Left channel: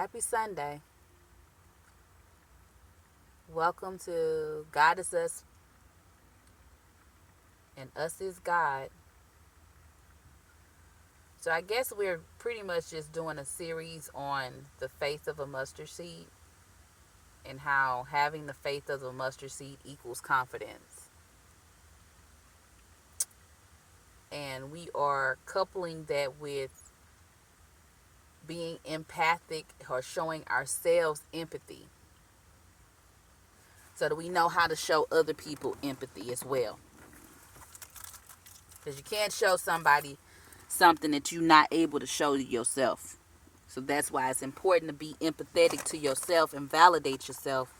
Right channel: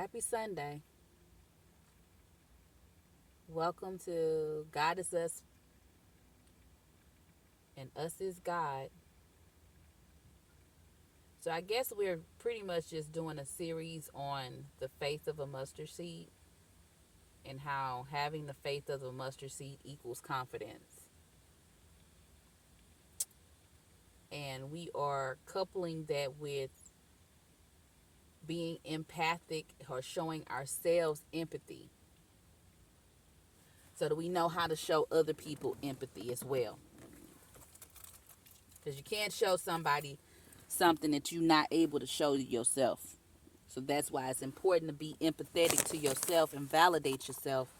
Happy Sunday. Welcome to God is Us and Us is God. So I guess we're pretty much just doing a series on the faith of a mustard seed and how having the faith of a mustard seed equals confidence. And we are coupling that with being empathic or showing ourselves empathy so that we know how to show other people empathy as well. Because you can't show somebody something that you're not able to show to yourself. So that's why it's important to be empathetic to yourself and validate yourself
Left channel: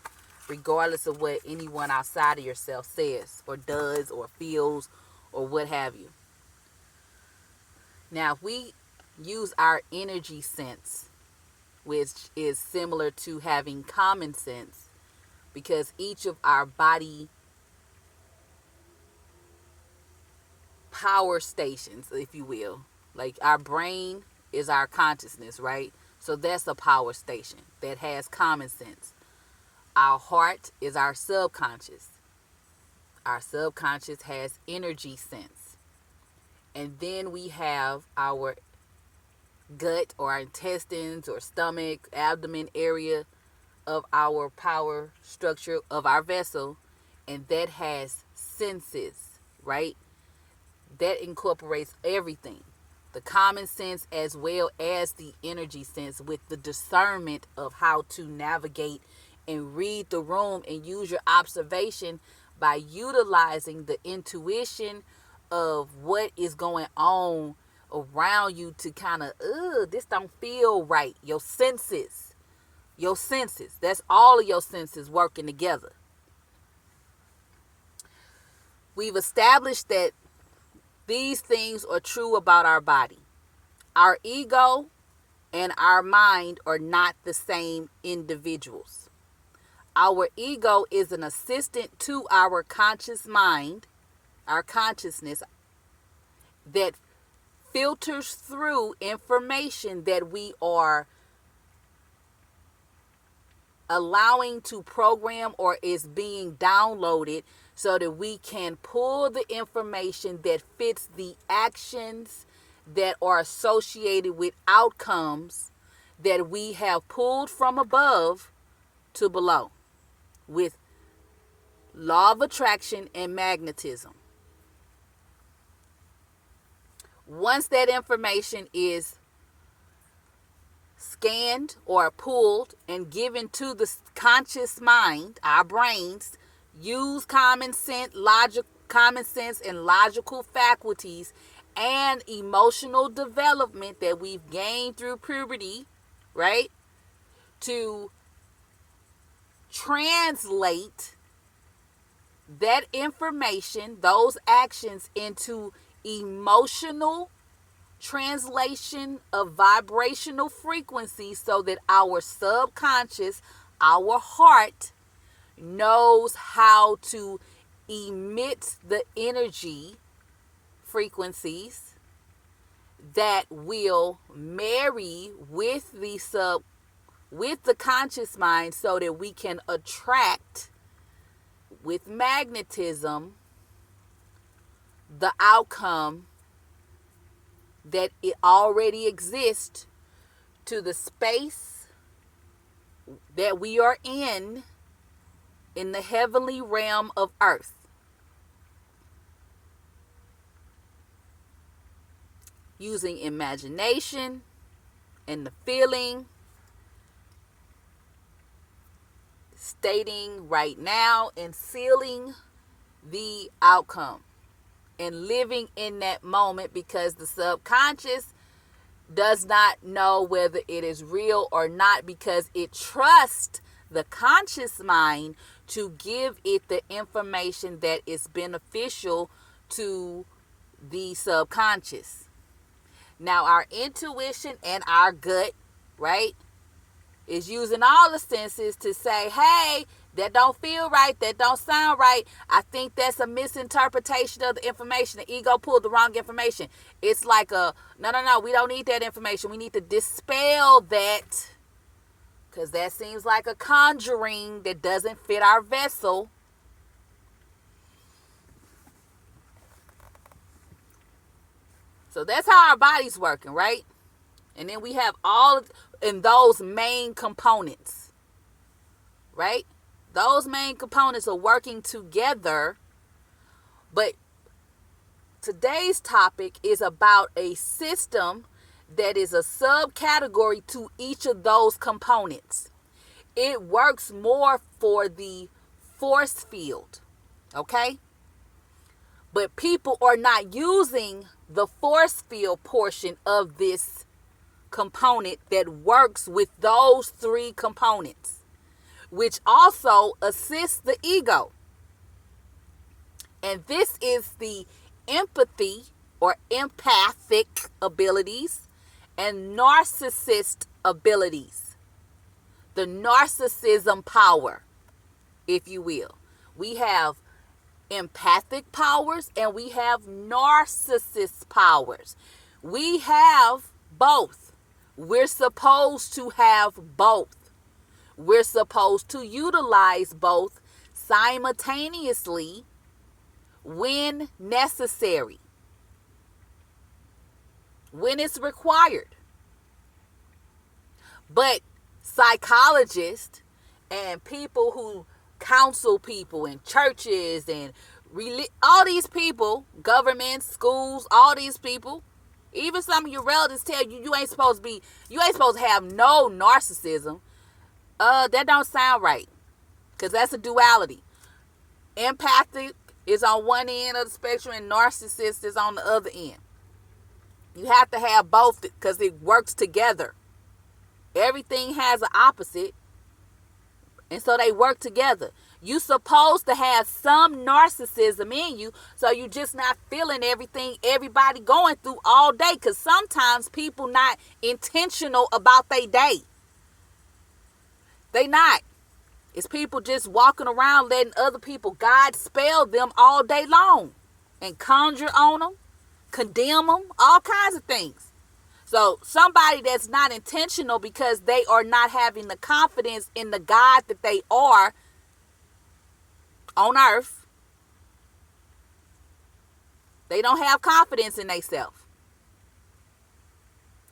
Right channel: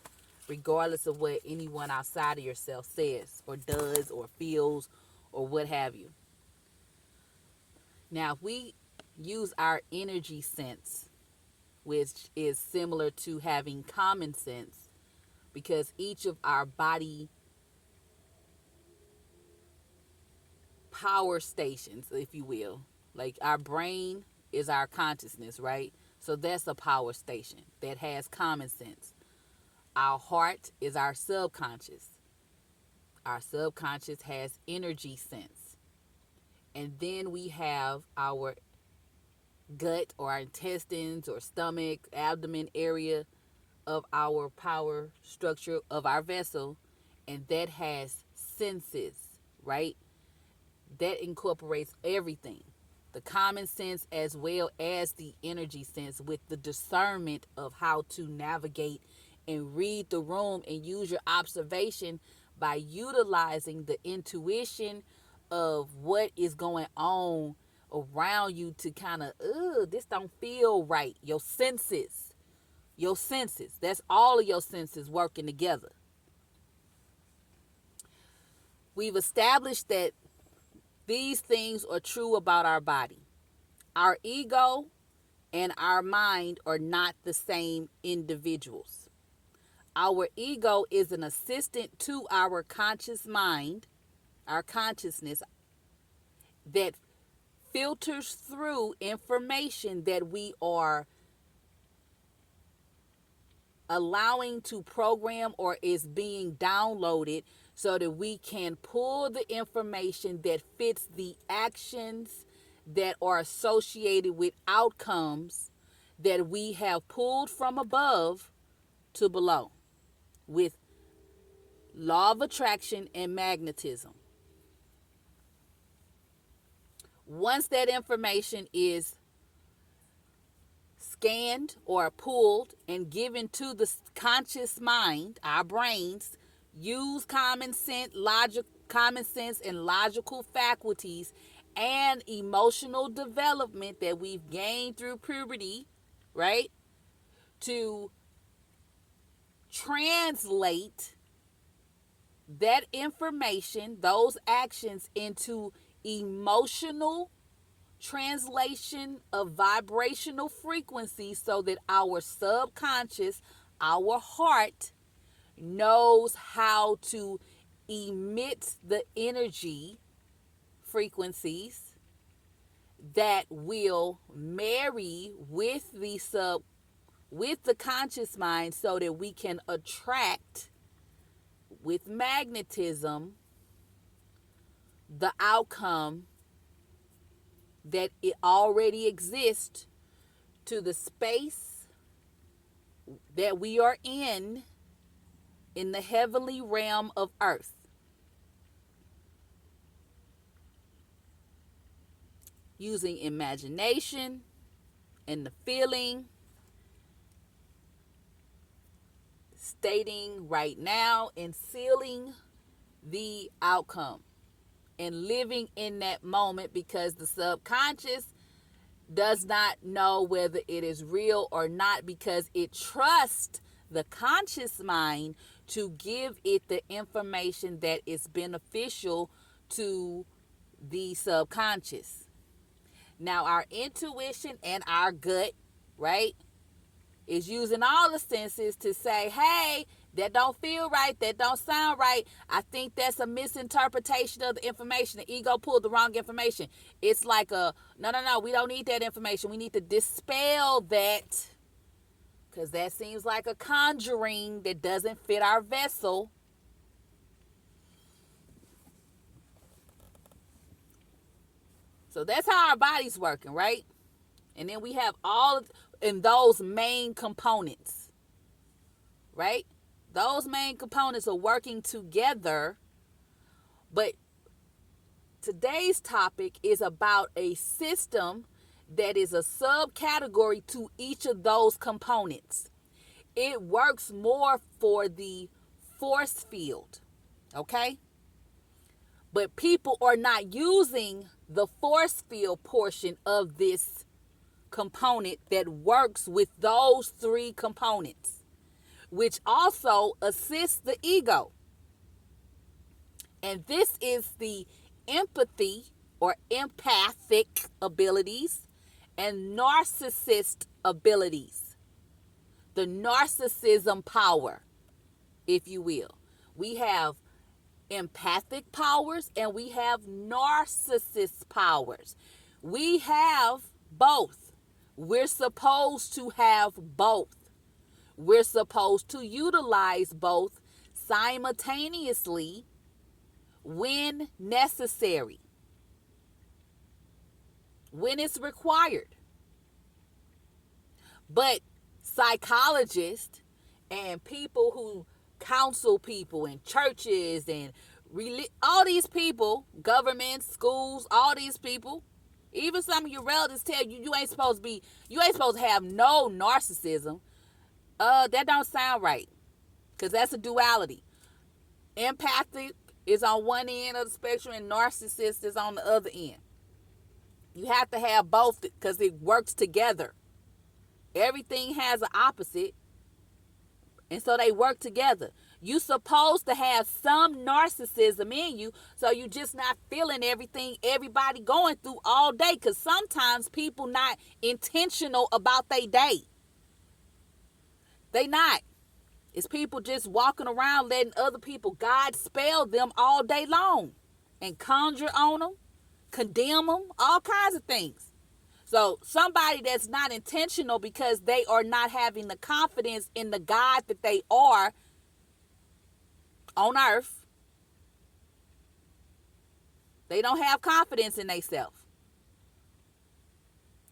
regardless of what anyone outside of yourself says or does or feels or what have you. Now, if we use our energy sense, which is similar to having common sense, because each of our body power stations, if you will, like our brain is our consciousness, right? So that's a power station that has common sense. Our heart is our subconscious. Our subconscious has energy sense. And then we have our gut or our intestines or stomach, abdomen area of our power structure of our vessel, and that has senses, right? That incorporates everything, the common sense as well as the energy sense, with the discernment of how to navigate and read the room and use your observation by utilizing the intuition of what is going on around you to kind of, this don't feel right. Your senses, that's all of your senses working together. We've established that these things are true about our body. Our ego and our mind are not the same individuals. Our ego is an assistant to our conscious mind, our consciousness, that filters through information that we are allowing to program or is being downloaded so that we can pull the information that fits the actions that are associated with outcomes that we have pulled from above to below with law of attraction and magnetism. Once that information is scanned or pulled and given to the conscious mind, our brains use common sense and logical faculties and emotional development that we've gained through puberty, right, to translate that information, those actions, into emotional translation of vibrational frequency so that our subconscious, our heart, knows how to emit the energy frequencies that will marry with the conscious mind so that we can attract with magnetism the outcome that it already exists to the space that we are in the heavenly realm of earth. Using imagination and the feeling, stating right now and sealing the outcome and living in that moment, because the subconscious does not know whether it is real or not, because it trusts the conscious mind to give it the information that is beneficial to the subconscious. Now, our intuition and our gut, right, is using all the senses to say, hey, that don't feel right, that don't sound right. I think that's a misinterpretation of the information. The ego pulled the wrong information. It's like no, we don't need that information. We need to dispel that because that seems like a conjuring that doesn't fit our vessel. So that's how our body's working, right? And then we have all in those main components, right? Those main components are working together. But today's topic is about a system that is a subcategory to each of those components. It works more for the force field, okay? But people are not using the force field portion of this component that works with those three components, which also assists the ego. And this is the empathy or empathic abilities and narcissist abilities. The narcissism power, if you will. We have empathic powers and we have narcissist powers. We have both. We're supposed to have both. We're supposed to utilize both simultaneously when necessary, when it's required. But psychologists and people who counsel people in churches and all these people, governments, schools, all these people, even some of your relatives tell you you ain't supposed to have no narcissism. That don't sound right, because that's a duality. Empathic is on one end of the spectrum and narcissist is on the other end. You have to have both because it works together. Everything has an opposite, and so they work together. You're supposed to have some narcissism in you, so you're just not feeling everything everybody going through all day, because sometimes people not intentional about their day. They not. It's people just walking around letting other people God spell them all day long and conjure on them, condemn them, all kinds of things. So somebody that's not intentional because they are not having the confidence in the God that they are on earth, they don't have confidence in themselves,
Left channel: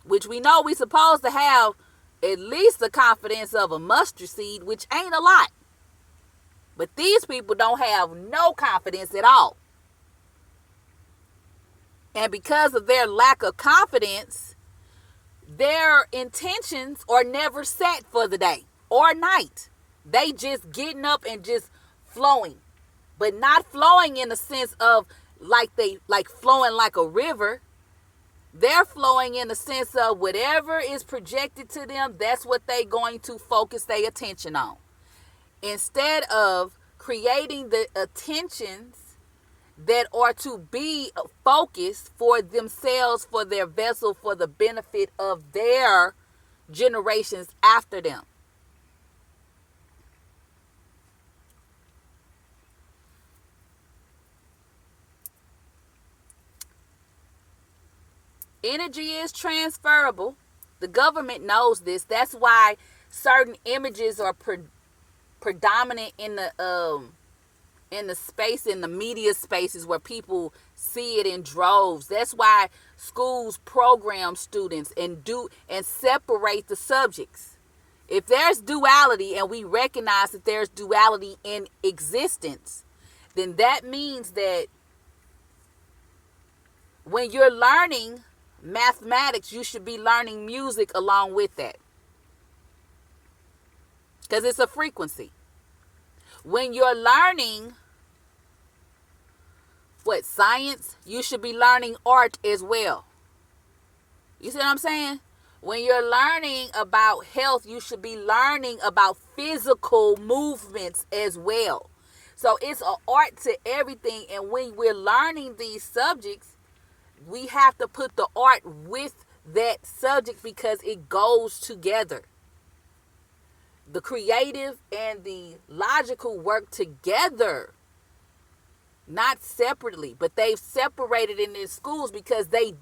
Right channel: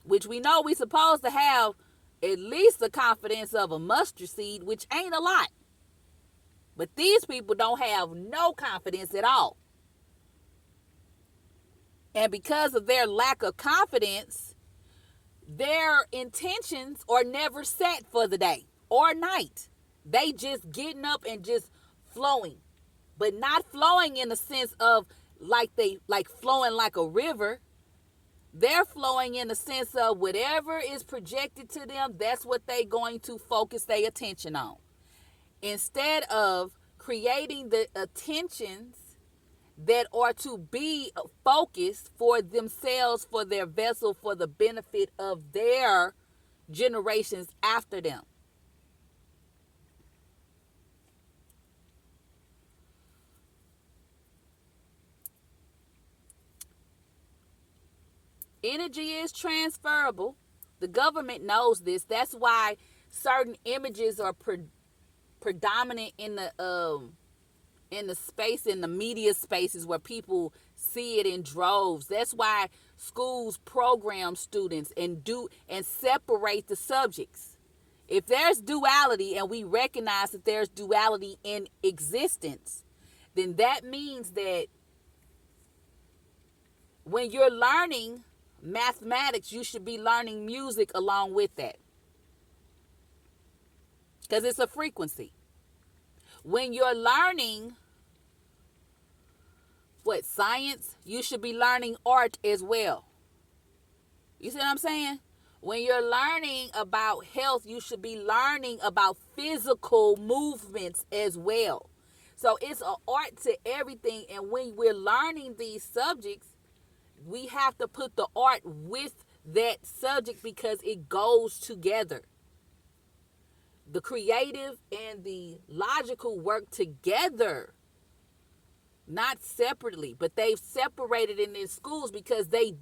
which we know we're supposed to have at least the confidence of a mustard seed, which ain't a lot. But these people don't have no confidence at all. And because of their lack of confidence, their intentions are never set for the day or night. They just getting up and just flowing, but not flowing in the sense of like flowing like a river. They're flowing in the sense of whatever is projected to them, that's what they're going to focus their attention on. Instead of creating the attentions that are to be focused for themselves, for their vessel, for the benefit of their generations after them. Energy is transferable. The government knows this. That's why certain images are predominant in the space, in the media spaces where people see it in droves. That's why schools program students and separate the subjects. If there's duality and we recognize that there's duality in existence, then that means that when you're learning mathematics, you should be learning music along with that, because it's a frequency. When you're learning science, you should be learning art as well. You see what I'm saying? When you're learning about health, you should be learning about physical movements as well. So it's an art to everything. And when we're learning these subjects, we have to put the art with that subject because it goes together. The creative and the logical work together, not separately, but they've separated in their schools because they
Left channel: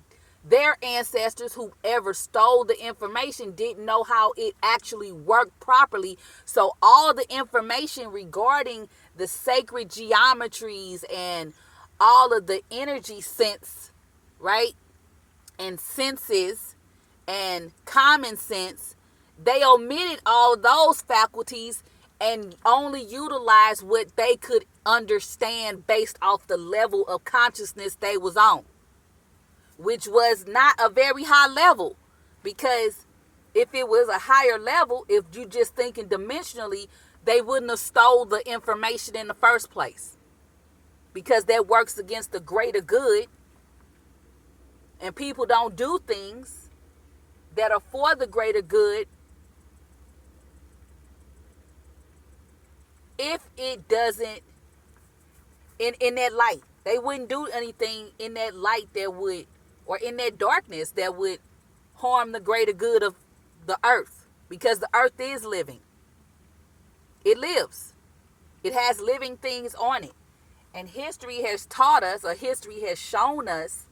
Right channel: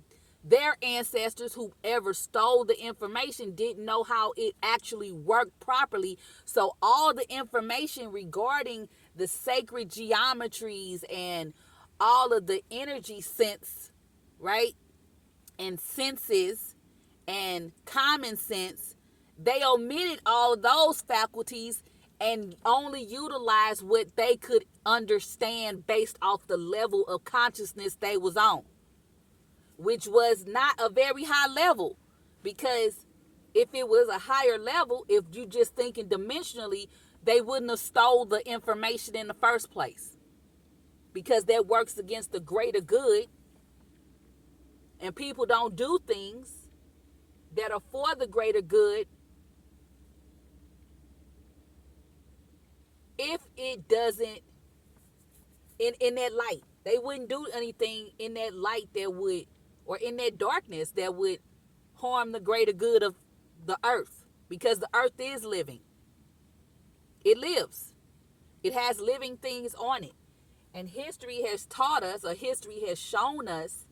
Their ancestors, whoever stole the information, didn't know how it actually worked properly. So all the information regarding the sacred geometries and all of the energy sense, right, and senses and common sense, they omitted all those faculties and only utilized what they could understand based off the level of consciousness they was on, which was not a very high level. Because if it was a higher level, if you just thinking dimensionally, they wouldn't have stole the information in the first place, because that works against the greater good. And people don't do things that are for the greater good if it doesn't, in that light. They wouldn't do anything in that light that would, or in that darkness that would harm the greater good of the earth, because the earth is living. It lives. It has living things on it. And history has taught us, or history has shown us,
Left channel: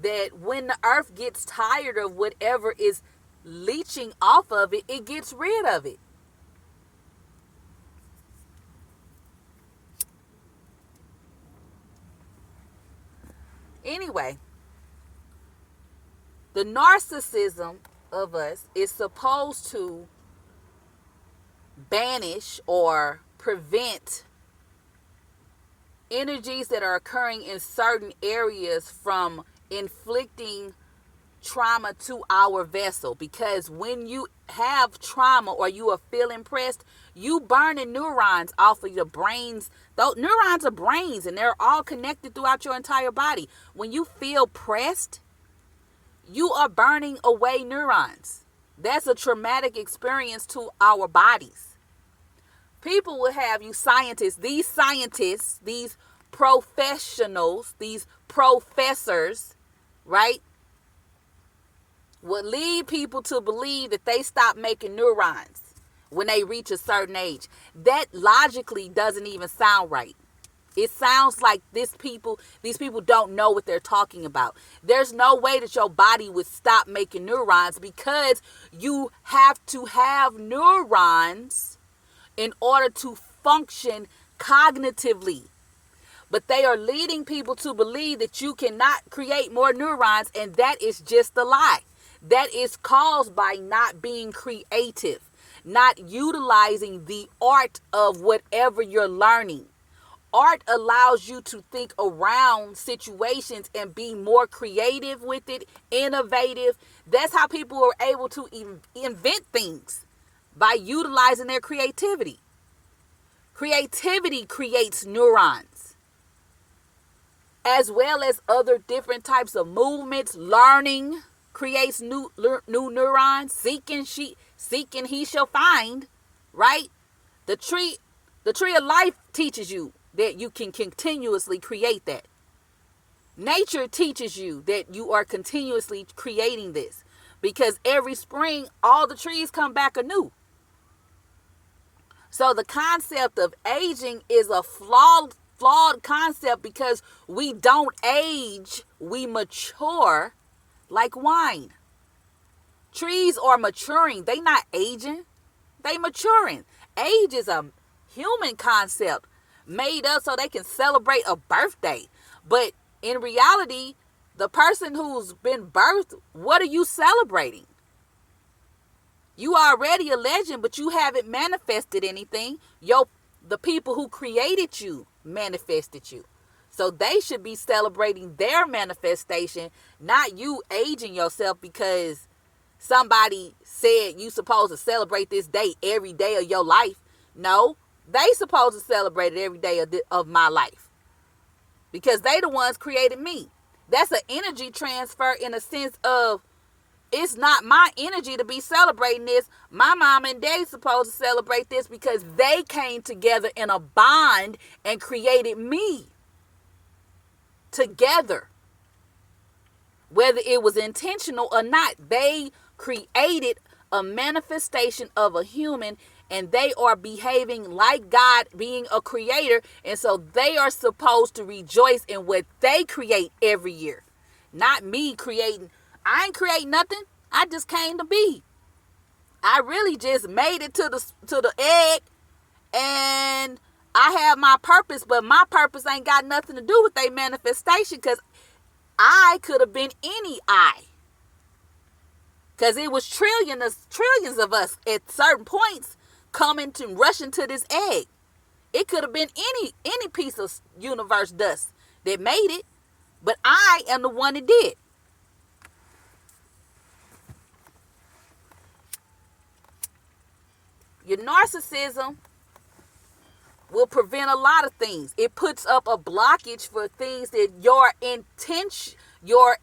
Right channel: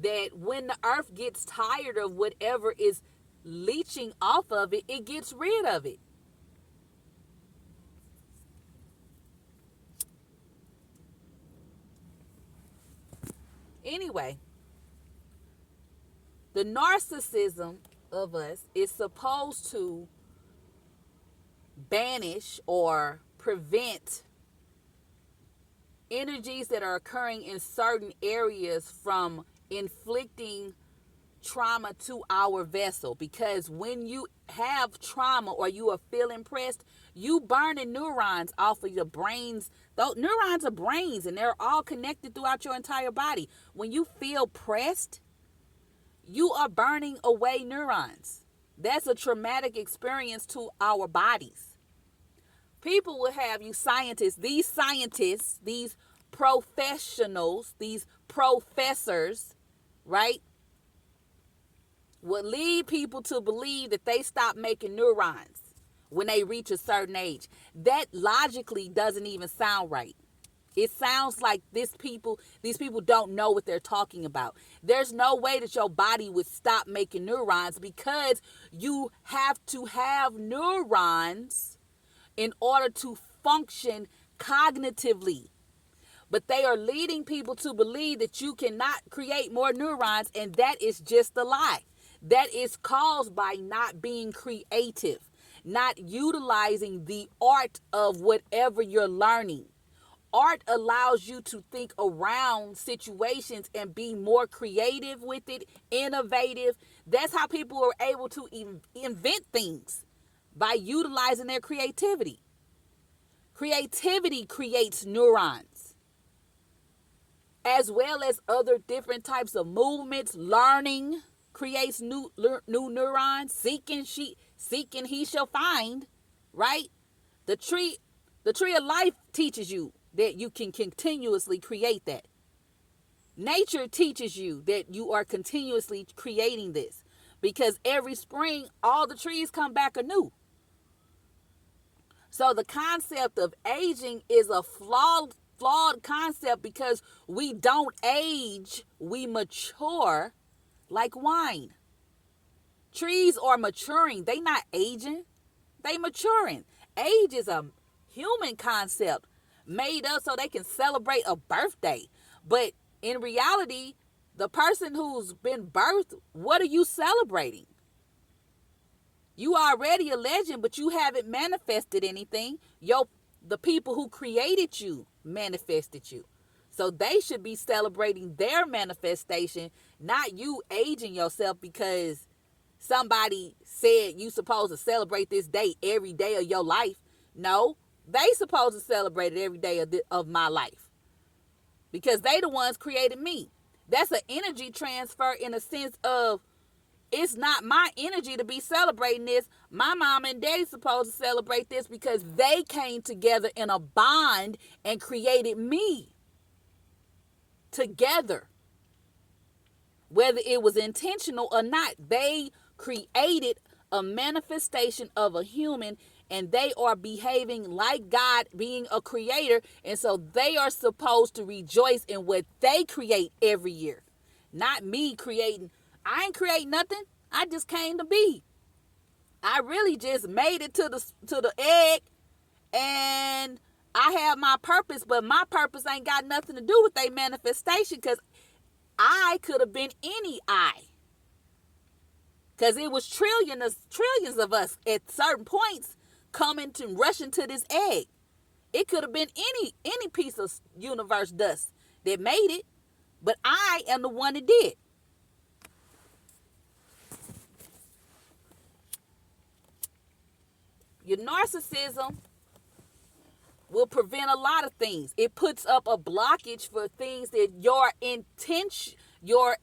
that when the earth gets tired of whatever is leeching off of it, it gets rid of it. Anyway, the narcissism of us is supposed to banish or prevent energies that are occurring in certain areas from inflicting trauma to our vessel. Because when you have trauma or you are feeling pressed, you burning neurons off of your brains. Those neurons are brains, and they're all connected throughout your entire body. When you feel pressed, you are burning away neurons. That's a traumatic experience to our bodies. People will have you scientists, these professionals, these professors, right, would lead people to believe that they stop making neurons when they reach a certain age. That logically doesn't even sound right. It sounds like these people don't know what they're talking about. There's no way that your body would stop making neurons, because you have to have neurons in order to function cognitively. But they are leading people to believe that you cannot create more neurons, and that is just a lie. That is caused by not being creative, not utilizing the art of whatever you're learning. Art allows you to think around situations and be more creative with it, innovative. That's how people are able to invent things, by utilizing their creativity. Creativity creates neurons, as well as other different types of movements. Learning creates new neurons. Seeking he shall find, right? The tree of life teaches you that you can continuously create that. Nature teaches you that you are continuously creating this, because every spring all the trees come back anew. So the concept of aging is a flawed concept, because we don't age, we mature like wine. Trees are maturing, they not aging, they maturing. Age is a human concept made up so they can celebrate a birthday. But in reality, the person who's been birthed, what are you celebrating? You are already a legend, but you haven't manifested anything. The people who created you manifested you. So they should be celebrating their manifestation, not you aging yourself because somebody said you supposed to celebrate this day every day of your life. No, they supposed to celebrate it every day of my life, because they the ones created me. That's an energy transfer, in a sense of, it's not my energy to be celebrating this. My mom and daddy supposed to celebrate this, because they came together in a bond and created me together. Whether it was intentional or not, they created a manifestation of a human, and they are behaving like God, being a creator. And so they are supposed to rejoice in what they create every year, Not me creating. I ain't create nothing. I just came to be. I really just made it to the egg, and I have my purpose, but my purpose ain't got nothing to do with their manifestation, because I could have been any I. Because it was trillions of us at certain points coming to rushing to this egg. It could have been any piece of universe dust that made it, but I am the one that did. Your narcissism will prevent a lot of things. It puts up a blockage for things that your intention, your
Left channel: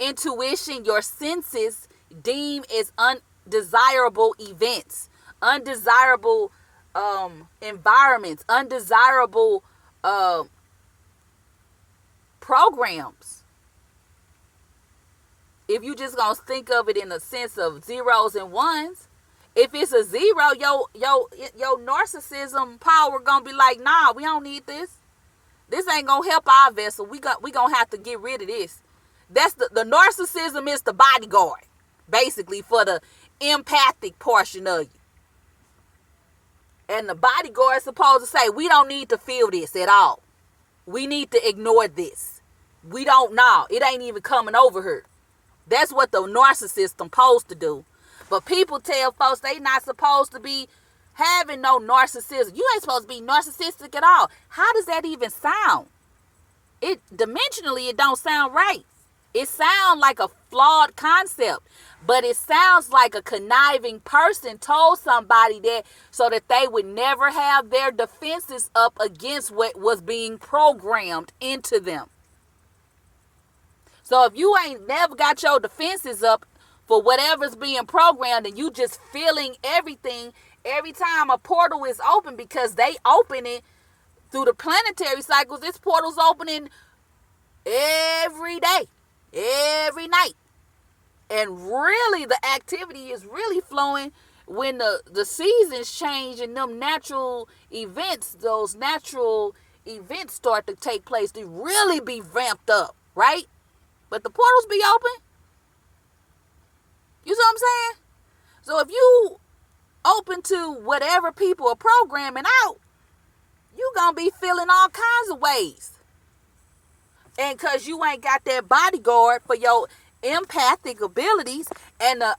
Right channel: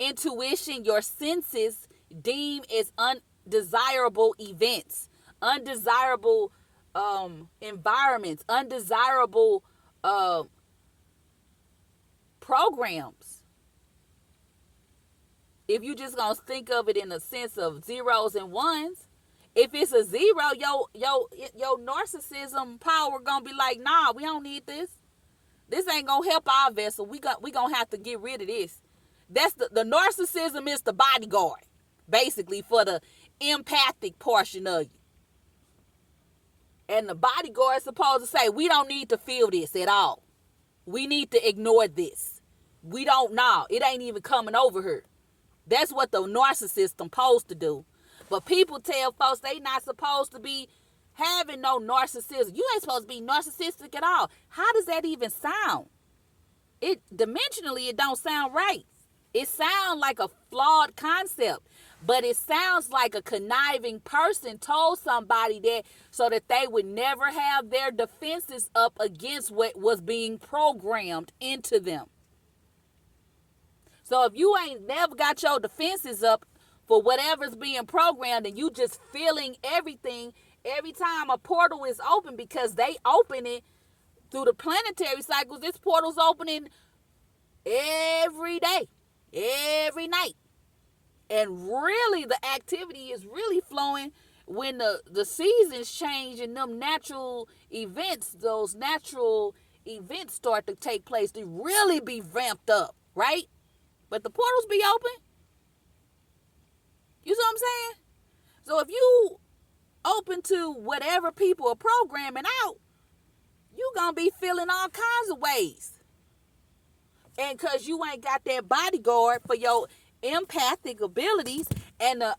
intuition, your senses deem as undesirable events, undesirable environments, undesirable programs. If you just gonna think of it in a sense of zeros and ones, if it's a zero, your narcissism power gonna be like, nah, we don't need this. This ain't gonna help our vessel. We gonna have to get rid of this. That's the narcissism is the bodyguard, basically, for the empathic portion of you. And the bodyguard is supposed to say, we don't need to feel this at all. We need to ignore this. We don't know. It ain't even coming over here. That's what the narcissist supposed to do. But people tell folks they not supposed to be having no narcissism. You ain't supposed to be narcissistic at all. How does that even sound? It dimensionally, it don't sound right. It sounds like a flawed concept, but it sounds like a conniving person told somebody that so that they would never have their defenses up against what was being programmed into them. So if you ain't never got your defenses up for whatever's being programmed, and you just feeling everything every time a portal is open, because they open it through the planetary cycles. This portal's opening every day, every night. And really the activity is really flowing when the seasons change and them natural events, those natural events start to take place. They really be ramped up, right? But the portals be open. You see what I'm saying? So if you open to whatever people are programming out, you gonna be feeling all kinds of ways. And because you ain't got that bodyguard for your empathic abilities, and the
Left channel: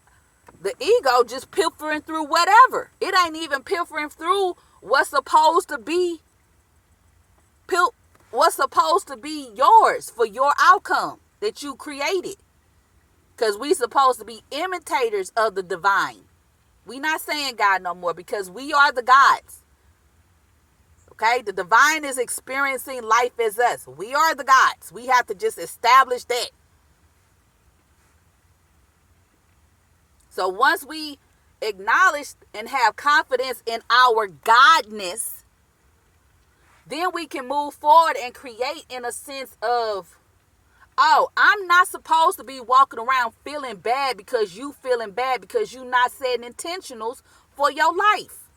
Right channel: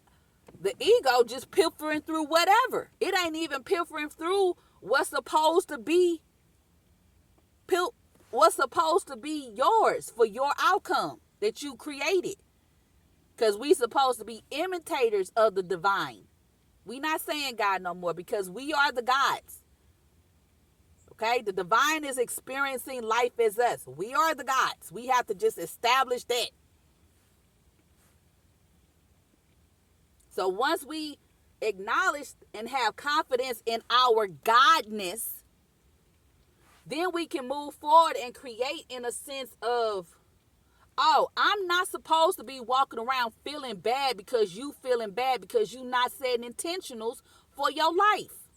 ego just pilfering through whatever. It ain't even pilfering through what's supposed to be yours for your outcome that you created. Because we supposed to be imitators of the divine. We not saying God no more, because we are the gods. Okay? The divine is experiencing life as us. We are the gods. We have to just establish that. So once we acknowledge and have confidence in our godness, then we can move forward and create in a sense of, oh, I'm not supposed to be walking around feeling bad because you feeling bad because you not setting intentionals for your life.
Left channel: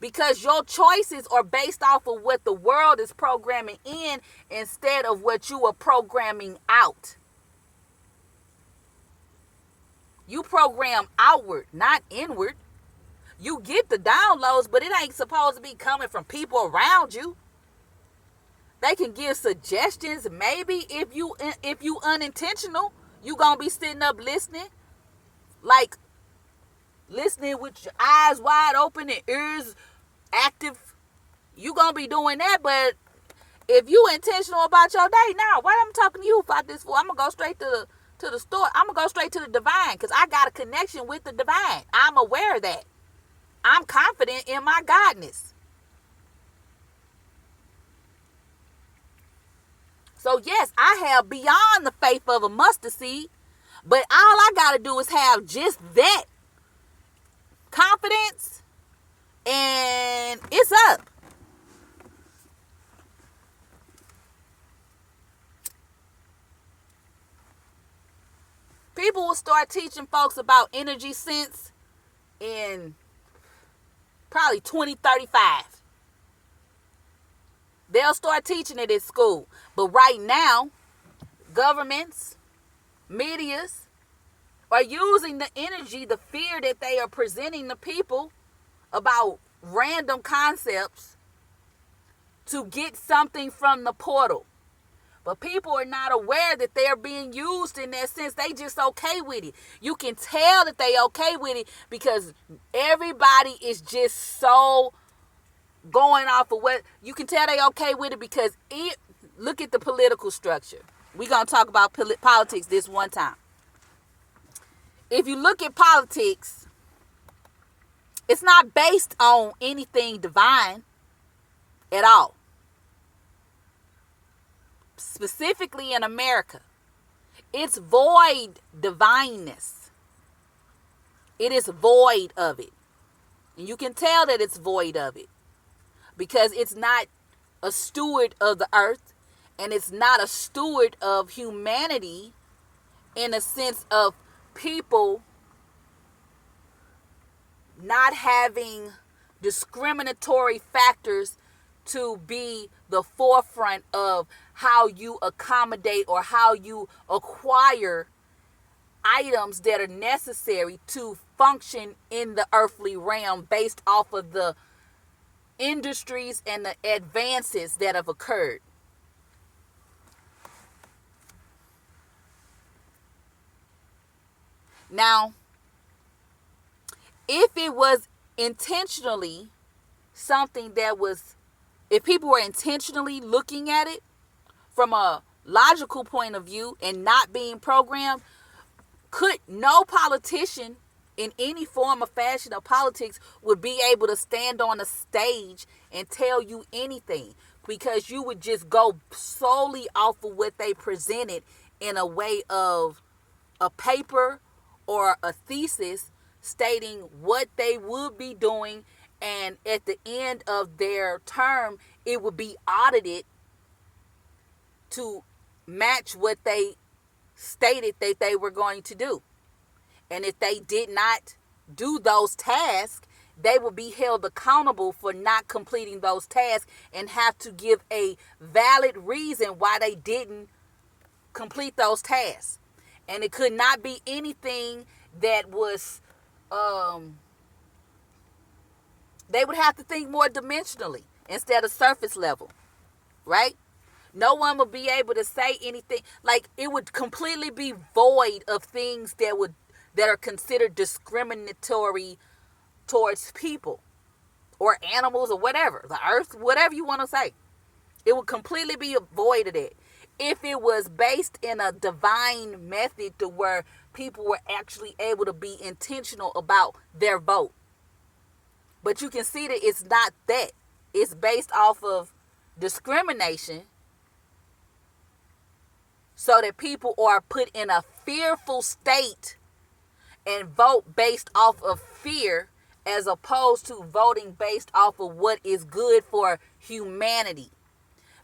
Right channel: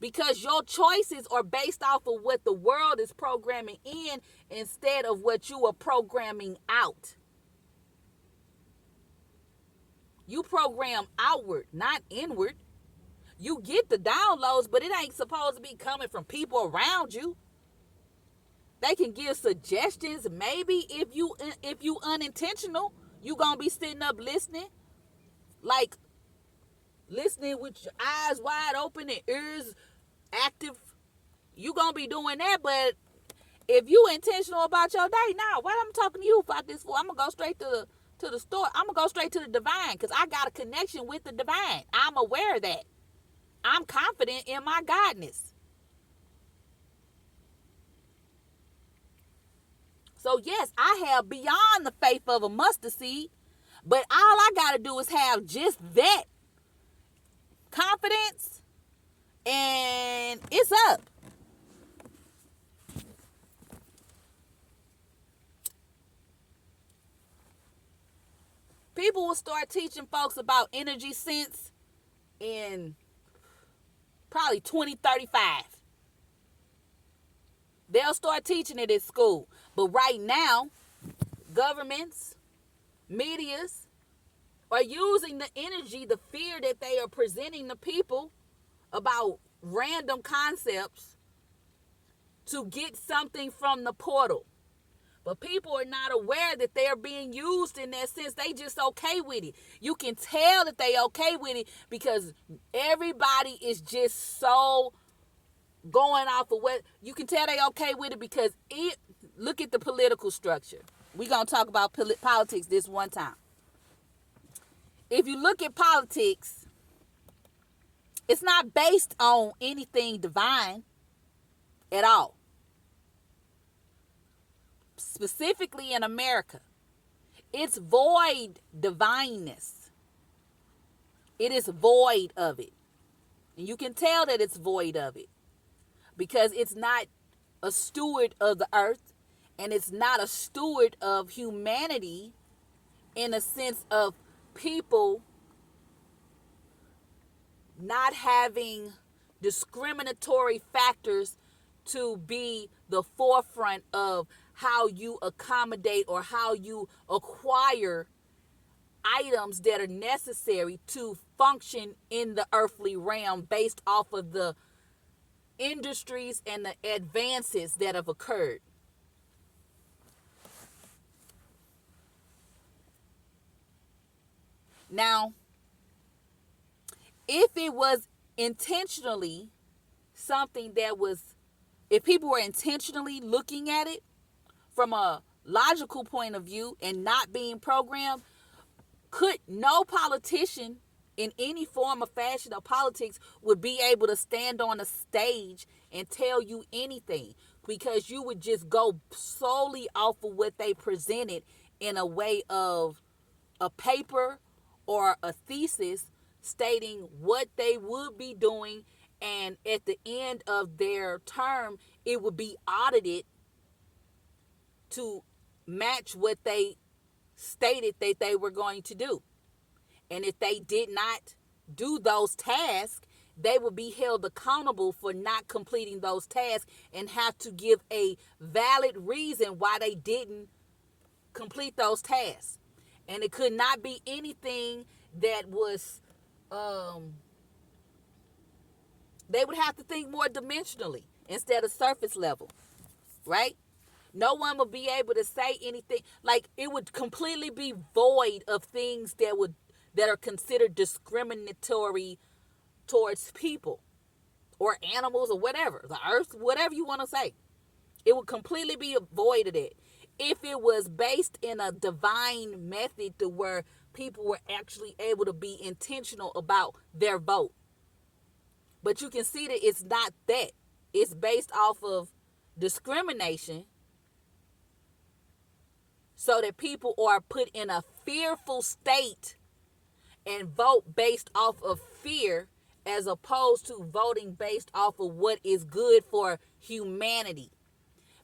Because your choices are based off of what the world is programming in instead of what you are programming out. You program outward, not inward. You get the downloads, but it ain't supposed to be coming from people around you. They can give suggestions. Maybe if you unintentional, you gonna be sitting up listening, like listening with your eyes wide open and ears active. You gonna be doing that. But if you intentional about your day, now what I'm talking to you about this for? I'm gonna go straight to the store. I'm gonna go straight to the divine, because I got a connection with the divine. I'm aware of that. I'm confident in my godness. So yes, I have beyond the faith of a mustard seed, but all I gotta do is have just that confidence, and it's up. People will start teaching folks about energy sense in probably 2035. They'll start teaching it at school. But right now, governments, medias, are using the energy, the fear that they are presenting to people about random concepts to get something from the portal. But people are not aware that they're being used in that sense. They just okay with it. You can tell that they okay with it because everybody is just so going off of what you can tell they okay with it because look at the political structure. We're going to talk about politics this one time. If you look at politics, it's not based on anything divine at all. Specifically in America, it's void divineness. It is void of it. And you can tell that it's void of it because it's not a steward of the earth and it's not a steward of humanity in a sense of people not having discriminatory factors to be the forefront of how you accommodate or how you acquire items that are necessary to function in the earthly realm based off of the industries and the advances that have occurred. Now, if it was intentionally something that was, if people were intentionally looking at it from a logical point of view and not being programmed, could no politician in any form or fashion of politics would be able to stand on a stage and tell you anything because you would just go solely off of what they presented in a way of a paper or a thesis stating what they would be doing, and at the end of their term it would be audited to match what they stated that they were going to do. And if they did not do those tasks, they will be held accountable for not completing those tasks and have to give a valid reason why they didn't complete those tasks. And it could not be anything that was, they would have to think more dimensionally instead of surface level, right? No one would be able to say anything. Like, it would completely be void of things that are considered discriminatory towards people or animals or whatever, the earth, whatever you want to say. It would completely be void of it if it was based in a divine method to where people were actually able to be intentional about their vote. But you can see that it's not that. It's based off of discrimination so that people are put in a fearful state and vote based off of fear as opposed to voting based off of what is good for humanity.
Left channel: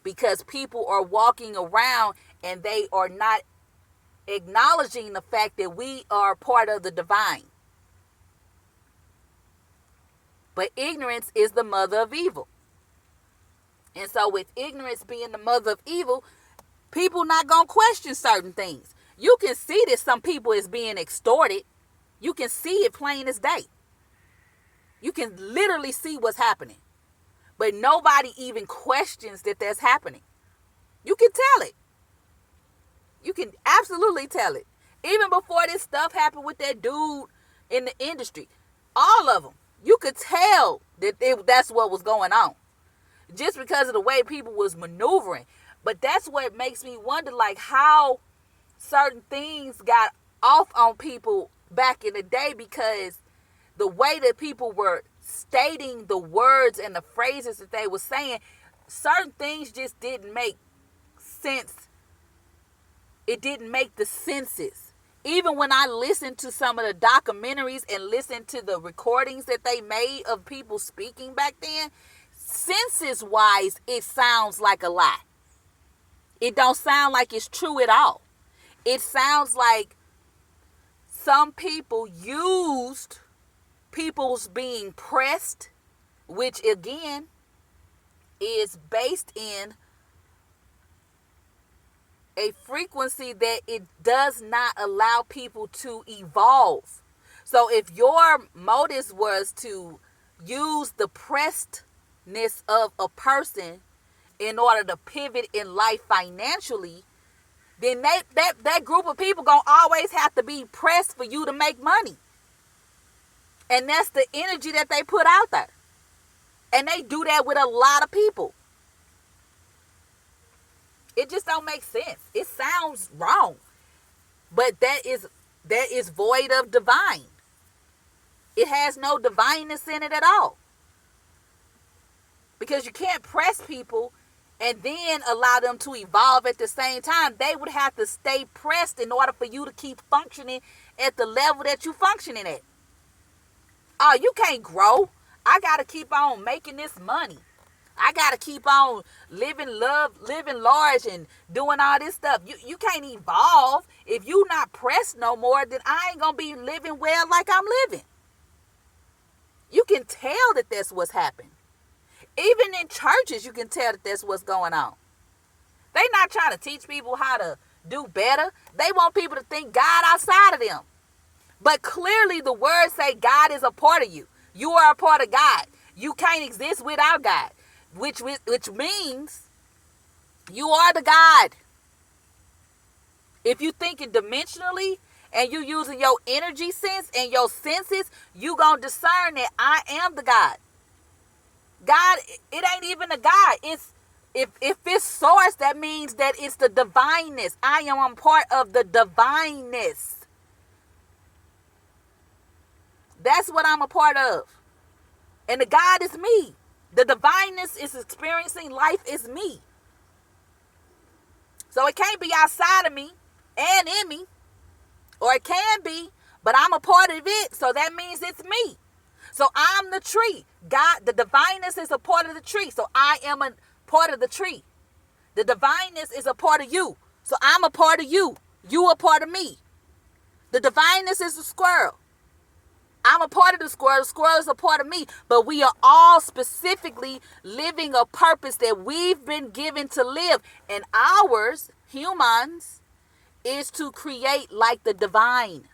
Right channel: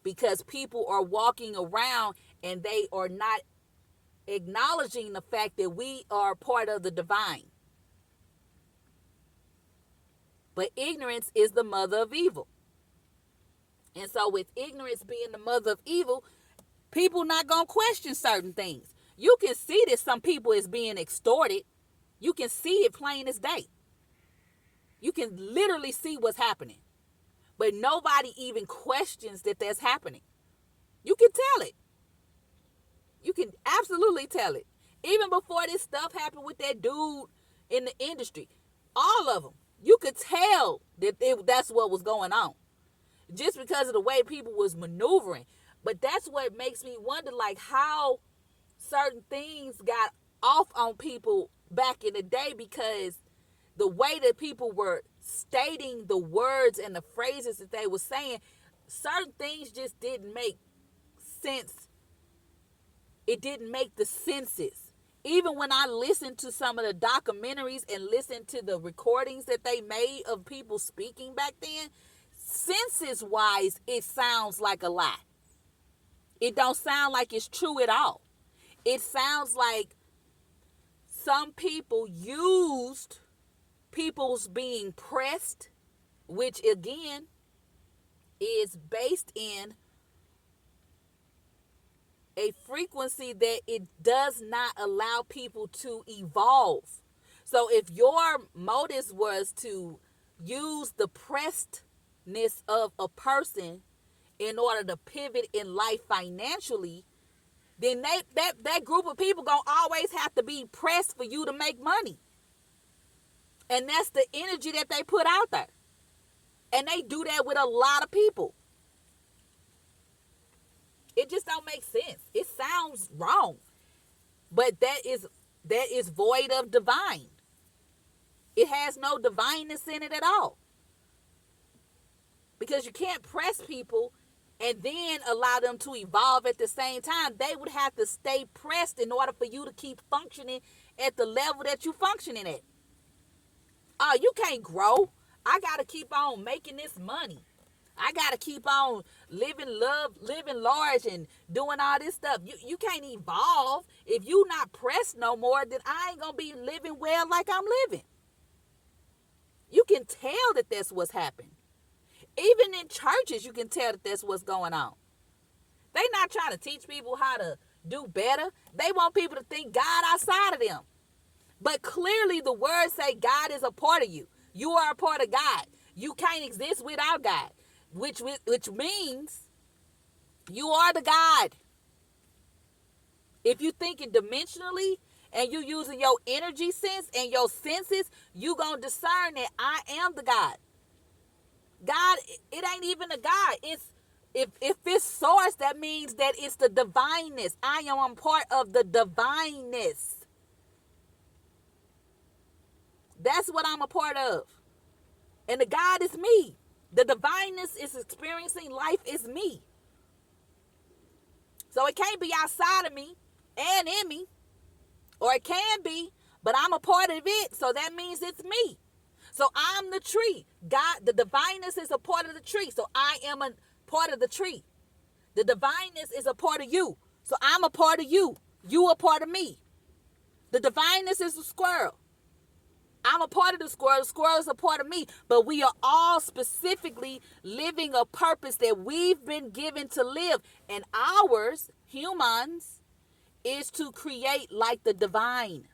Because people are walking around and they are not acknowledging the fact that we are part of the divine. But ignorance is the mother of evil. And so with ignorance being the mother of evil, people not going to question certain things. You can see that some people is being extorted. You can see it plain as day. You can literally see what's happening. But nobody even questions that that's happening. You can tell it. You can absolutely tell it. Even before this stuff happened with that dude in the industry, all of them, you could tell that that's what was going on. Just because of the way people was maneuvering. But that's what makes me wonder, like, how certain things got off on people back in the day, because the way that people were stating the words and the phrases that they were saying, certain things just didn't make sense. It didn't make the senses. Even when I listened to some of the documentaries and listened to the recordings that they made of people speaking back then, senses wise, it sounds like a lie. It don't sound like it's true at all. It sounds like some people used people's being pressed, which again is based in a frequency that it does not allow people to evolve. So if your motives was to use the pressedness of a person in order to pivot in life financially, then that group of people gonna always have to be pressed for you to make money. And that's the energy that they put out there. And they do that with a lot of people. It just don't make sense. It sounds wrong. But that is void of divine. It has no divineness in it at all. Because you can't press people and then allow them to evolve at the same time. They would have to stay pressed in order for you to keep functioning at the level that you're functioning at. Oh, you can't grow. I got to keep on making this money. I got to keep on living large and doing all this stuff. You can't evolve. If you not pressed no more, then I ain't going to be living well like I'm living. You can tell that that's what's happening. Even in churches, you can tell that that's what's going on. They not trying to teach people how to do better. They want people to think God outside of them. But clearly the words say God is a part of you. You are a part of God. You can't exist without God. Which means you are the God. If you thinking dimensionally and you using your energy sense and your senses, you gonna discern that I am the God. God, it ain't even a God. It's if it's source, that means that it's the divineness. I am a part of the divineness. That's what I'm a part of. And the God is me. The divineness is experiencing life is me. So it can't be outside of me and in me. Or it can be, but I'm a part of it. So that means it's me. So I'm the tree. God, the divineness is a part of the tree. So I am a part of the tree. The divineness is a part of you. So I'm a part of you. You a part of me. The divineness is the squirrel. I'm a part of the squirrel. The squirrel is a part of me. But we are all specifically living a purpose that we've been given to live. And ours, humans, is to create like the divine.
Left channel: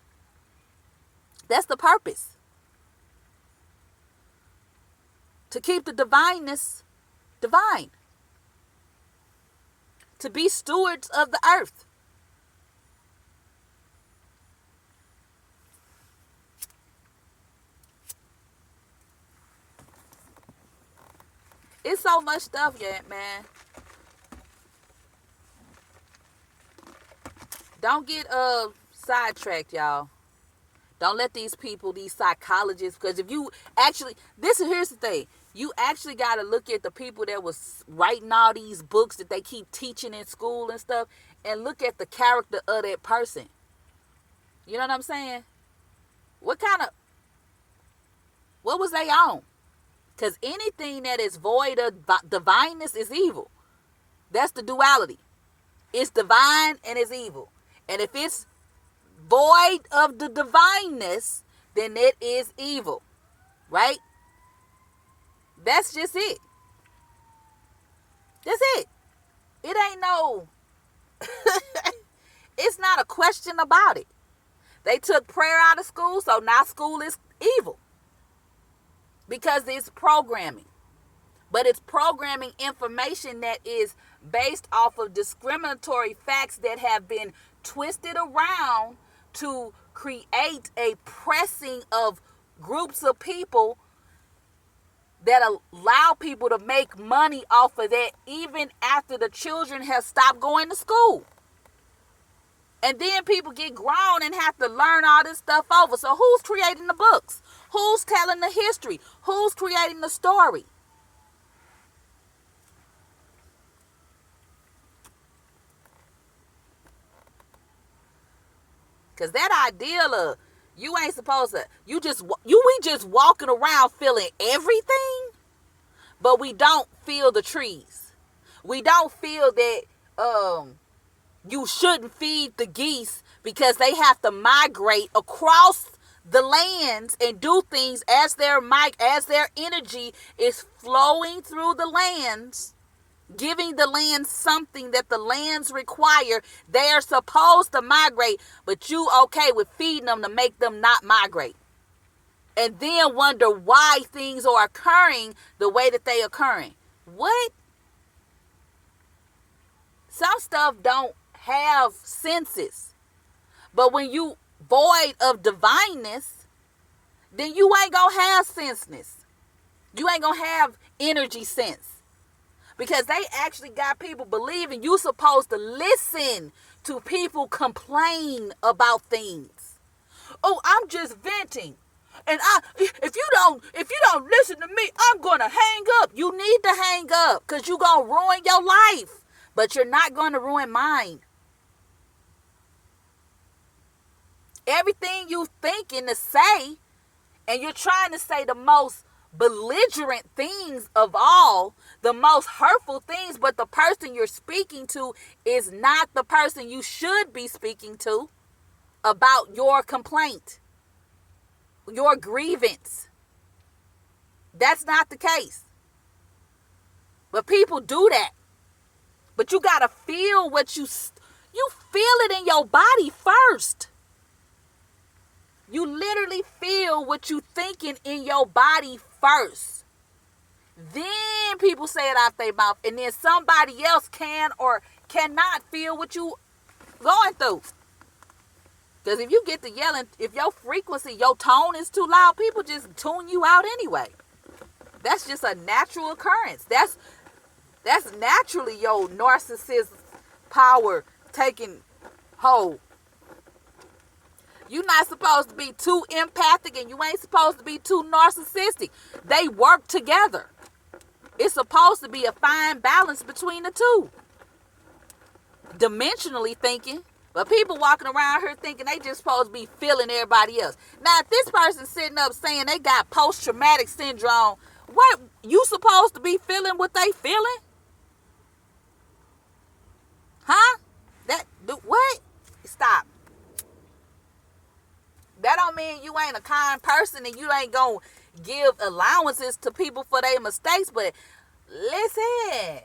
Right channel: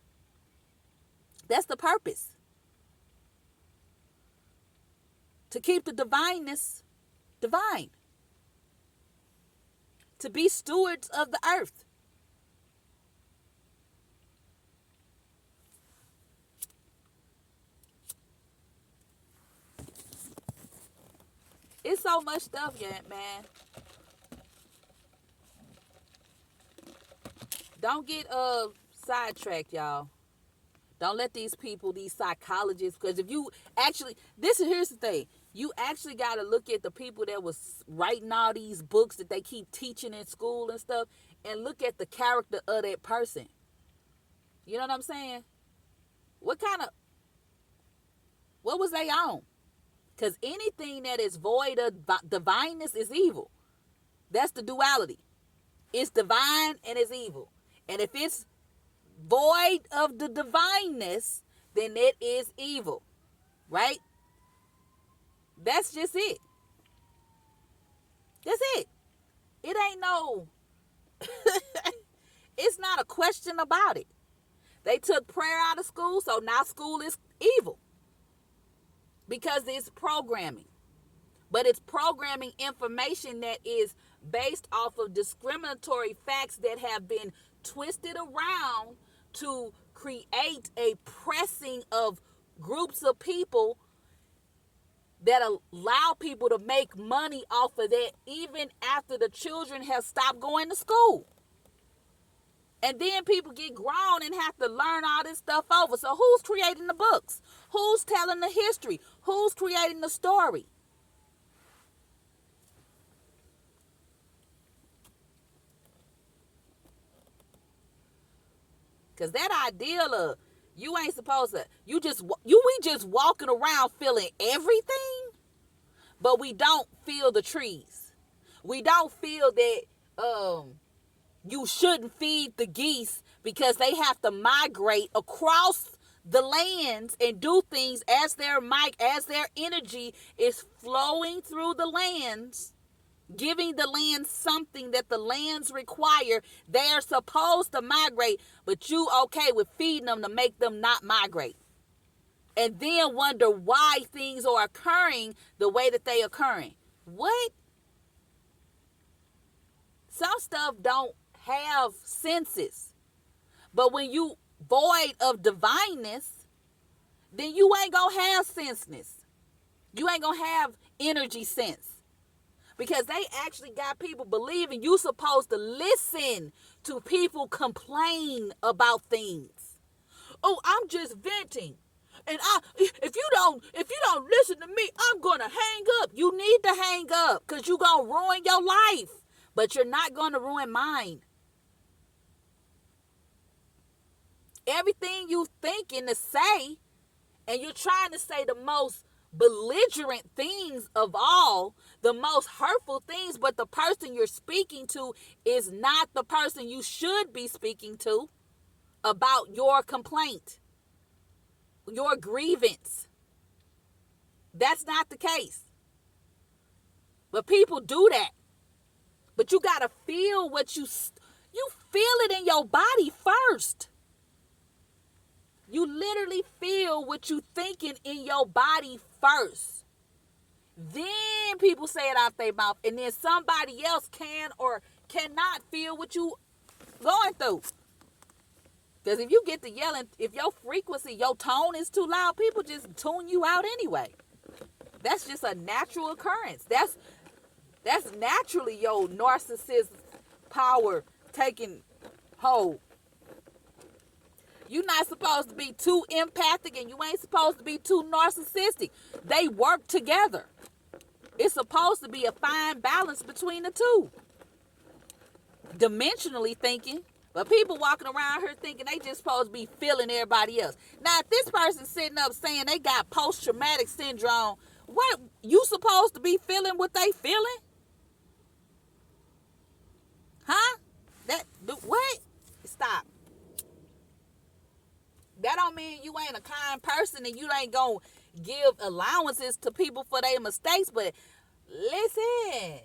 That's the purpose. To keep the divineness divine. To be stewards of the earth. It's so much stuff yet, man. Don't get sidetracked, y'all. Don't let these people, these psychologists, because if you actually, here's the thing. You actually got to look at the people that was writing all these books that they keep teaching in school and stuff, and look at the character of that person. You know what I'm saying? What was they on? Because anything that is void of divineness is evil. That's the duality. It's divine and it's evil. And if it's void of the divineness, then it is evil. Right? That's just it. That's it. It ain't no... It's not a question about it. They took prayer out of school, so now school is evil. Because it's programming. But it's programming information that is based off of discriminatory facts that have been twisted around to create a pressing of groups of people that allow people to make money off of that even after the children have stopped going to school. And then people get grown and have to learn all this stuff over. So who's creating the books? Who's telling the history? Who's creating the story? Because that ideal of you ain't supposed to, we just walking around feeling everything, but we don't feel the trees. We don't feel that you shouldn't feed the geese because they have to migrate across the lands and do things as their energy is flowing through the lands Giving the land something that the lands require. They are supposed to migrate, but you okay with feeding them to make them not migrate. And then wonder why things are occurring the way that they are occurring. What? Some stuff don't have senses. But when you void of divineness, then you ain't gonna have senseness. You ain't gonna have energy sense. Because they actually got people believing you supposed to listen to people complain about things. Oh, I'm just venting. And if you don't listen to me, I'm gonna hang up. You need to hang up because you're gonna ruin your life. But you're not gonna ruin mine. Everything you thinking to say, and you're trying to say the most belligerent things of all, the most hurtful things, but the person you're speaking to is not the person you should be speaking to about your complaint, your grievance. That's not the case. But people do that. But you got to feel what you feel it in your body first. You literally feel what you thinking in your body first. Then people say it out their mouth, and then somebody else can or cannot feel what you going through. Because if you get to yelling, if your frequency, your tone is too loud, people just tune you out anyway. That's just a natural occurrence. That's naturally your narcissist power taking hold. You're not supposed to be too empathic, and you ain't supposed to be too narcissistic. They work together. It's supposed to be a fine balance between the two. Dimensionally thinking, but people walking around here thinking they just supposed to be feeling everybody else. Now, if this person's sitting up saying they got post-traumatic syndrome, what, you supposed to be feeling what they feeling? Huh? What? Stop. That don't mean you ain't a kind person and you ain't gonna give allowances to people for their mistakes. But listen,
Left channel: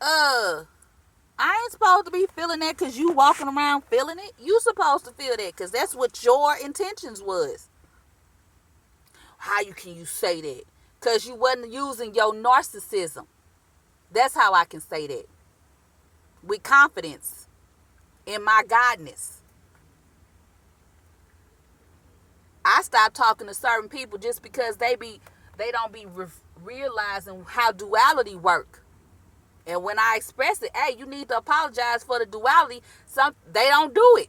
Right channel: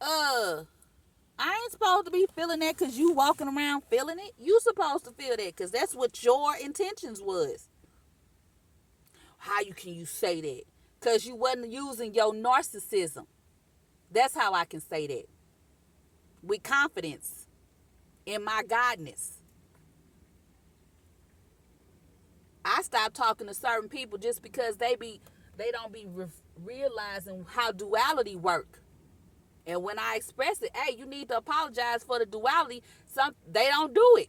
I ain't supposed to be feeling that because you walking around feeling it. You supposed to feel that because that's what your intentions was. How can you say that? Because you wasn't using your narcissism. That's how I can say that. With confidence in my godness. I stopped talking to certain people just because they don't be realizing how duality work. And when I express it, hey, you need to apologize for the duality, they don't do it.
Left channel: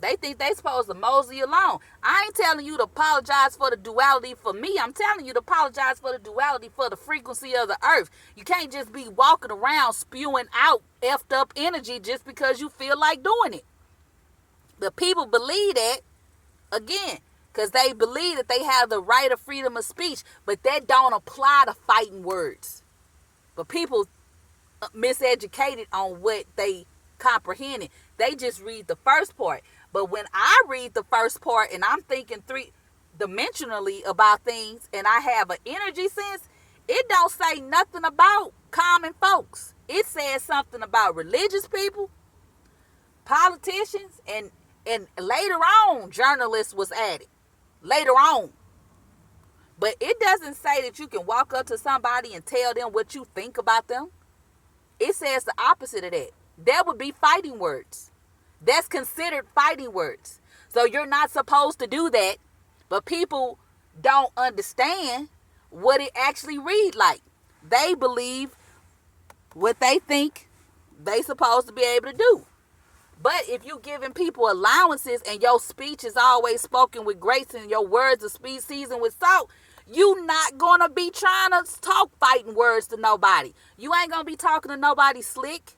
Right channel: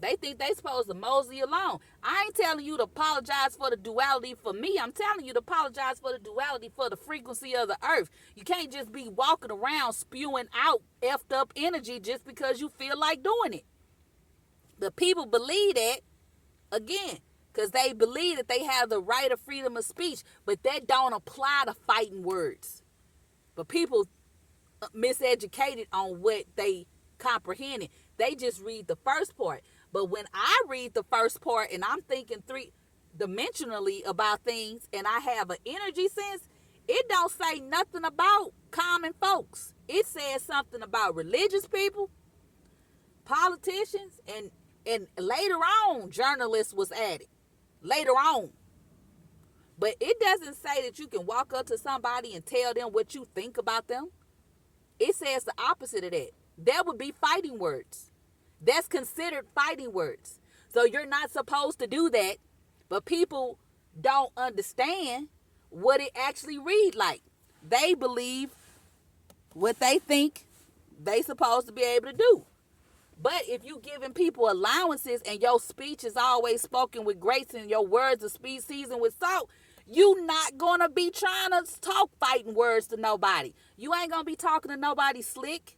They think they supposed to mosey along. I ain't telling you to apologize for the duality for me. I'm telling you to apologize for the duality for the frequency of the earth. You can't just be walking around spewing out effed up energy just because you feel like doing it. But people believe that, again, because they believe that they have the right of freedom of speech, but that don't apply to fighting words. But people miseducated on what they comprehended. They just read the first part. But when I read the first part and I'm thinking three-dimensionally about things and I have an energy sense, it don't say nothing about common folks. It says something about religious people, politicians, and later on, journalists was added. Later on. But it doesn't say that you can walk up to somebody and tell them what you think about them. It says the opposite of that. That would be fighting words. That's considered fighting words. So you're not supposed to do that. But people don't understand what it actually read like. They believe what they think they supposed to be able to do. But if you giving people allowances and your speech is always spoken with grace and your words are speech seasoned with salt, you not going to be trying to talk fighting words to nobody. You ain't going to be talking to nobody slick.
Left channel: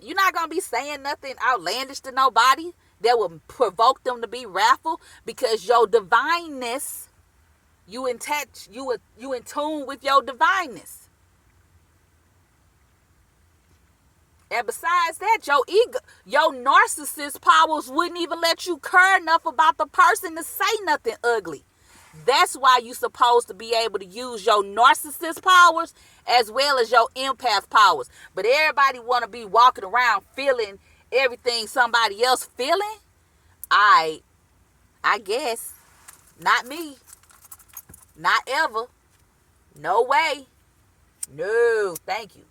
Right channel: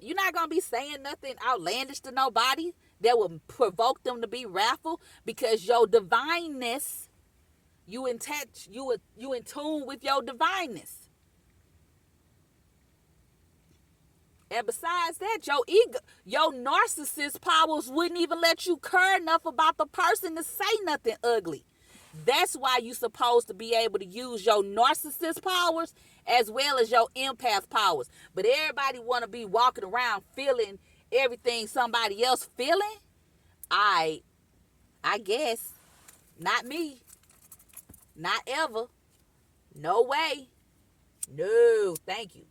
You're not going to be saying nothing outlandish to nobody that will provoke them to be wrathful because your divineness, you in tune with your divineness. And besides that, your ego, your narcissist powers wouldn't even let you care enough about the person to say nothing ugly. That's why you're supposed to be able to use your narcissist powers as well as your empath powers. But everybody want to be walking around feeling everything somebody else feeling. I guess not me. Not ever. No way. No, thank you.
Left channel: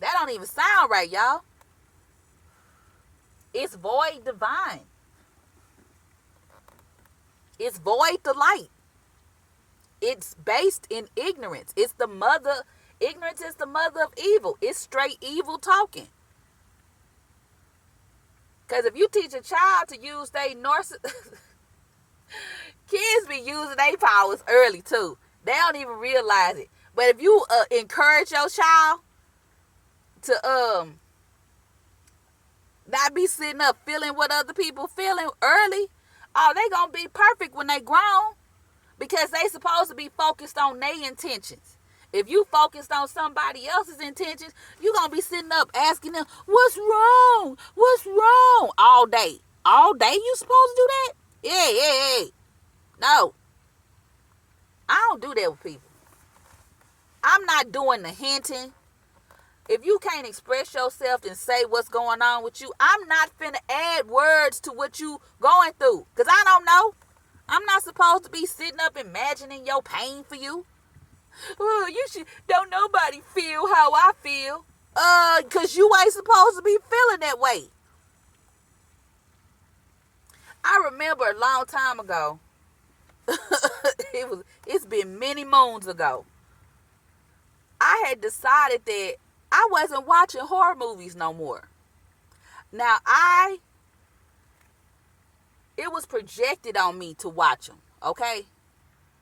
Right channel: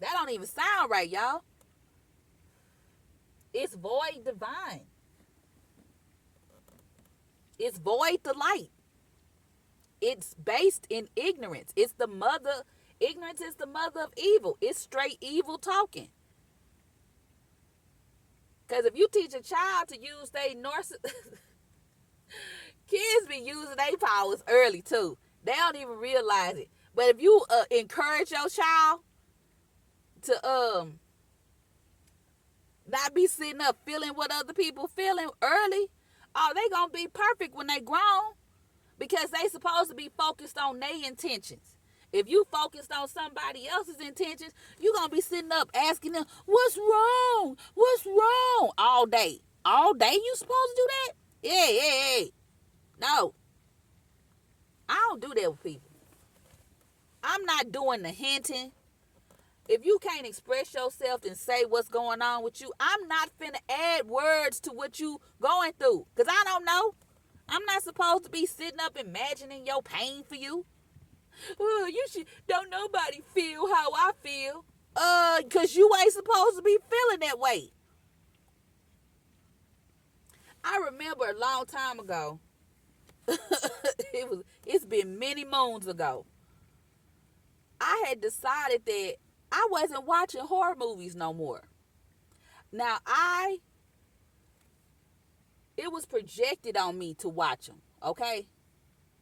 That don't even sound right, y'all. It's void divine. It's void the light. It's based in ignorance. Ignorance is the mother of evil. It's straight evil talking. Because if you teach a child to use their kids be using their powers early too. They don't even realize it. But if you encourage your child to not be sitting up feeling what other people feeling early, oh, they gonna be perfect when they grown, because they supposed to be focused on their intentions. If you focused on somebody else's intentions, you gonna be sitting up asking them, what's wrong? What's wrong? All day. All day you supposed to do that? Yeah. No. I don't do that with people. I'm not doing the hinting. If you can't express yourself and say what's going on with you, I'm not finna add words to what you going through. Because I don't know. I'm not supposed to be sitting up imagining your pain for you. Oh, don't nobody feel how I feel. Because you ain't supposed to be feeling that way. I remember a long time ago. It's been many moons ago. I had decided that I wasn't watching horror movies no more. Now, it was projected on me to watch them, okay?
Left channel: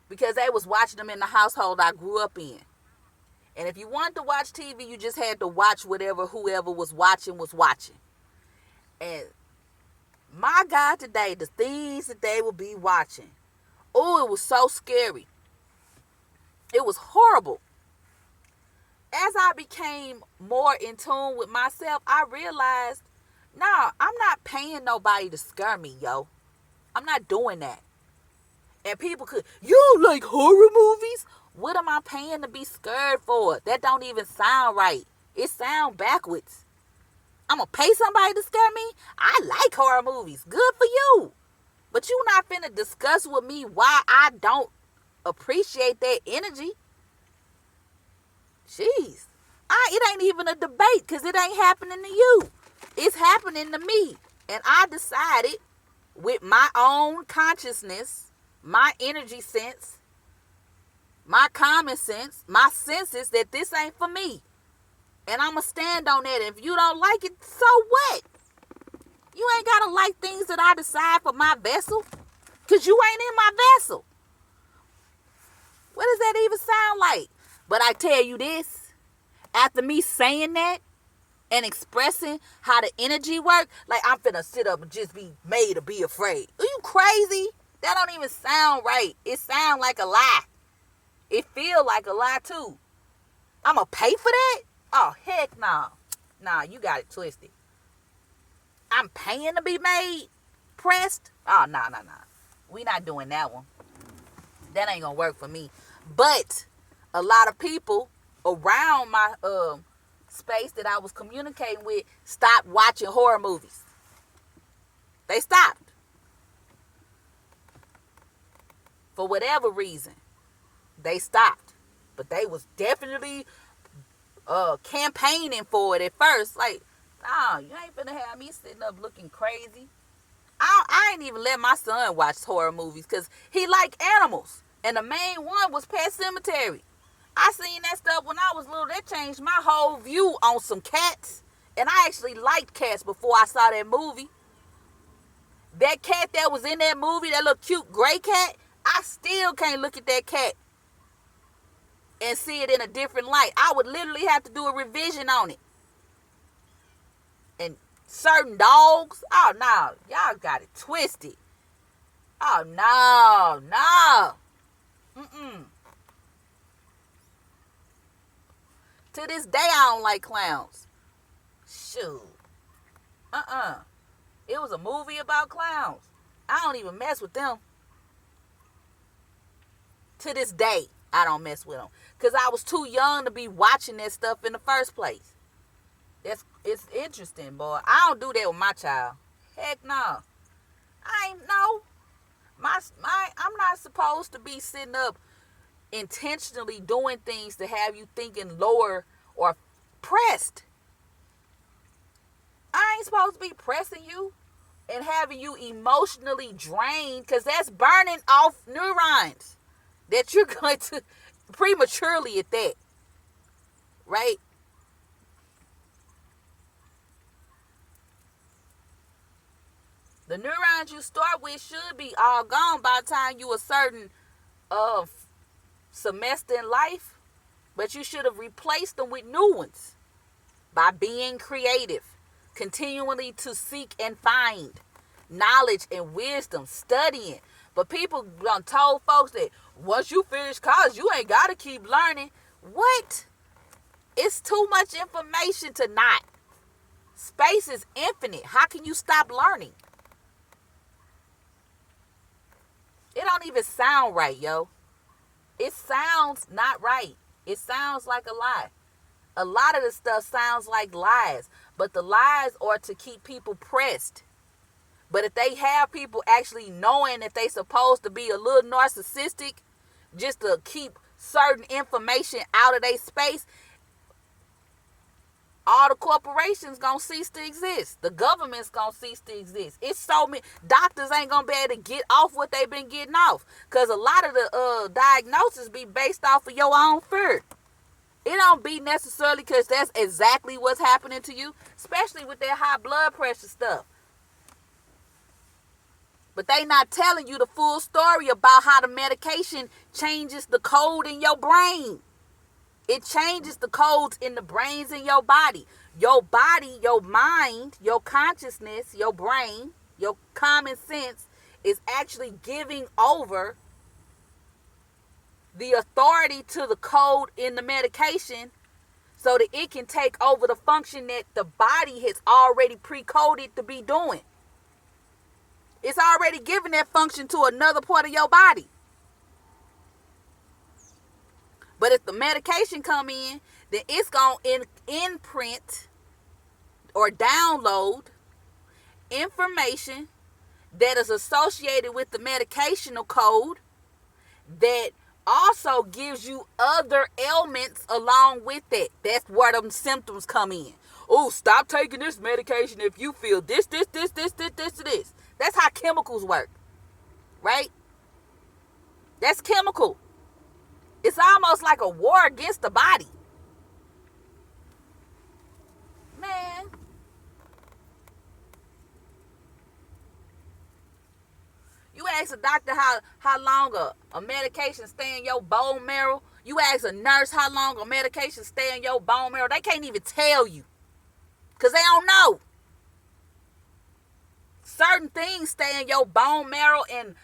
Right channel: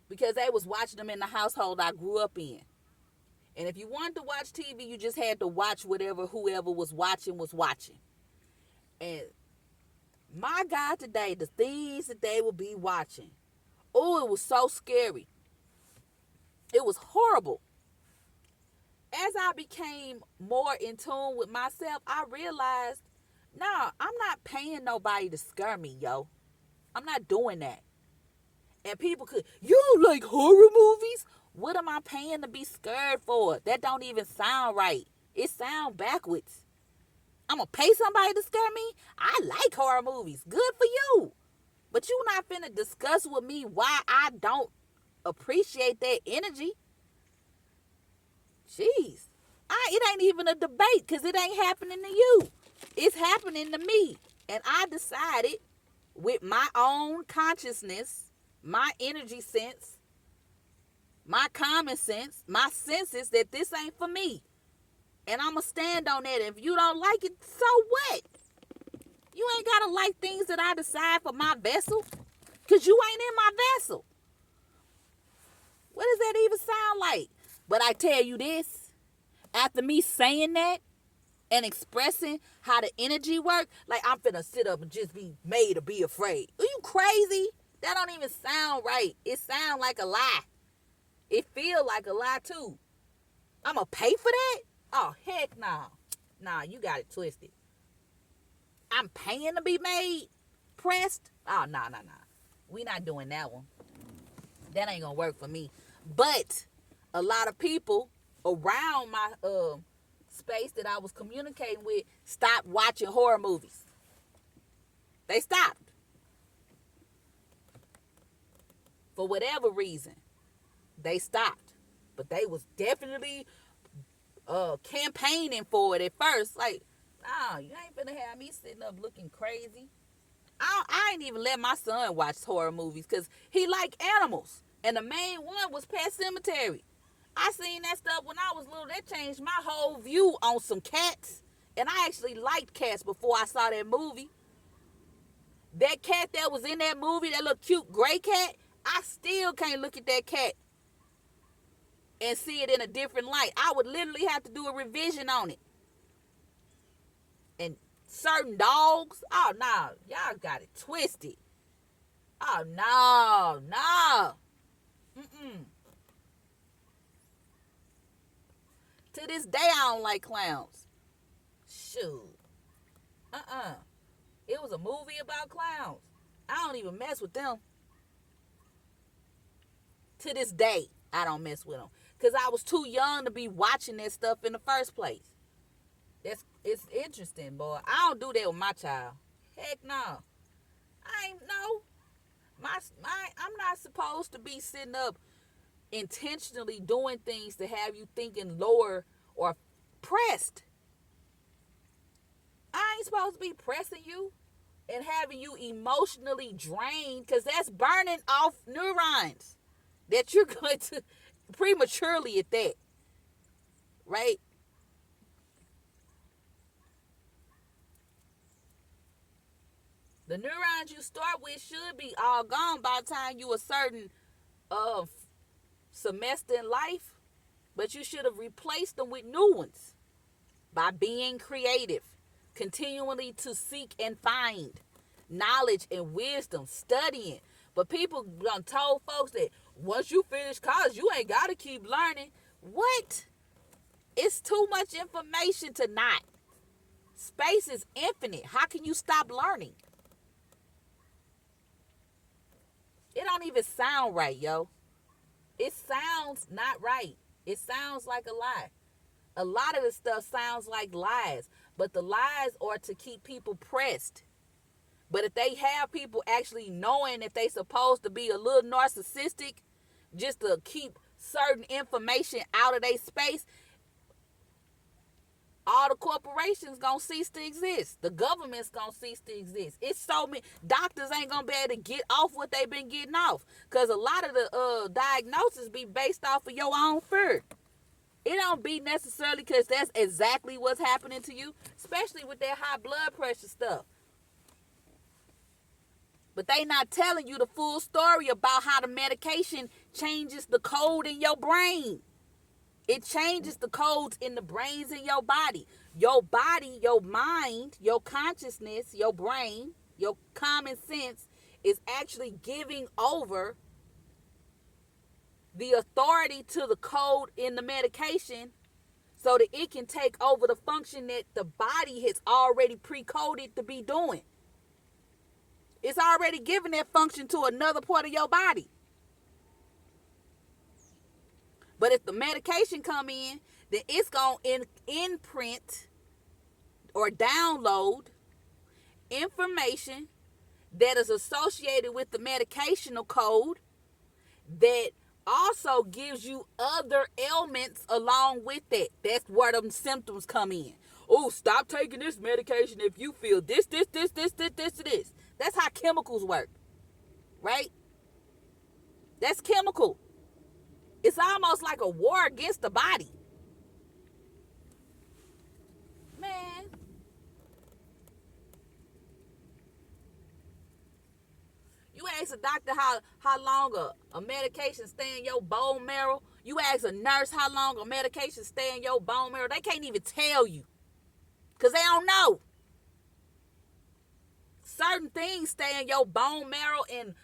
Because they was watching them in the household I grew up in. And if you wanted to watch TV, you just had to watch whoever was watching was watching. And my God, today, the things that they would be watching. Oh, it was so scary. It was horrible. As I became more in tune with myself, I realized, nah, I'm not paying nobody to scare me, yo. I'm not doing that. And people you like horror movies? What am I paying to be scared for? That don't even sound right. It sound backwards. I'm going to pay somebody to scare me? I like horror movies. Good for you. But you not finna discuss with me why I don't appreciate that energy. Jeez. It ain't even a debate, because it ain't happening to you. It's happening to me. And I decided with my own consciousness, my energy sense, my common sense, my senses, that this ain't for me. And I'm going to stand on that. If you don't like it, so what? You ain't got to like things that I decide for my vessel, because you ain't in my vessel. What does that even sound like? But I tell you this, after me saying that and expressing how the energy works, like I'm finna sit up and just be made to be afraid. Are you crazy? That don't even sound right. It sound like a lie. It feel like a lie too. I'm gonna pay for that? Oh, heck no. Nah, you got it twisted. I'm paying to be made pressed? Oh, nah. We not doing that one. That ain't gonna work for me. But a lot of people around my space that I was communicating with stopped watching horror movies. They stopped. For whatever reason, they stopped. But they was definitely campaigning for it at first. Like, nah, you ain't finna have me sitting up looking crazy. I ain't even let my son watch horror movies because he like animals. And the main one was Pet Cemetery. I seen that stuff when I was little. That changed my whole view on some cats. And I actually liked cats before I saw that movie. That cat that was in that movie, that little cute gray cat, I still can't look at that cat and see it in a different light. I would literally have to do a revision on it. And certain dogs, oh no, y'all got it twisted. Oh no. To this day, I don't like clowns. Shoot. It was a movie about clowns. I don't even mess with them. To this day, I don't mess with them. Because I was too young to be watching that stuff in the first place. It's interesting, boy. I don't do that with my child. Heck no. I ain't no. I'm not supposed to be sitting up intentionally doing things to have you thinking lower or pressed. I ain't supposed to be pressing you and having you emotionally drained, because that's burning off neurons that you're going to prematurely at that. Right? The neurons you start with should be all gone by the time you a certain semester in life, but you should have replaced them with new ones by being creative, continually to seek and find knowledge and wisdom, studying. But people done told folks that once you finish college, you ain't got to keep learning. What? It's too much information to not. Space is infinite. How can you stop learning? It don't even sound right, yo. It sounds not right. It sounds like a lie. A lot of the stuff sounds like lies, but the lies are to keep people pressed. But if they have people actually knowing that they supposed to be a little narcissistic just to keep certain information out of their space, all the corporations gonna cease to exist. The government's gonna cease to exist. It's so many doctors ain't gonna be able to get off what they've been getting off, because a lot of the diagnosis be based off of your own fear. It don't be necessarily because that's exactly what's happening to you, especially with that high blood pressure stuff. But they not telling you the full story about how the medication changes the code in your brain. It changes the codes in the brains in your body. Your body, your mind, your consciousness, your brain, your common sense is actually giving over the authority to the code in the medication so that it can take over the function that the body has already pre-coded to be doing. It's already giving that function to another part of your body. But if the medication come in, then it's going to imprint or download information that is associated with the medicational code that also gives you other ailments along with that. That's where them symptoms come in. Oh, stop taking this medication if you feel this. That's how chemicals work, right? That's chemical. It's almost like a war against the body. Man. You ask a doctor how long a medication stay in your bone marrow. You ask a nurse how long a medication stay in your bone marrow. They can't even tell you, because they don't know. Certain things stay in your bone marrow and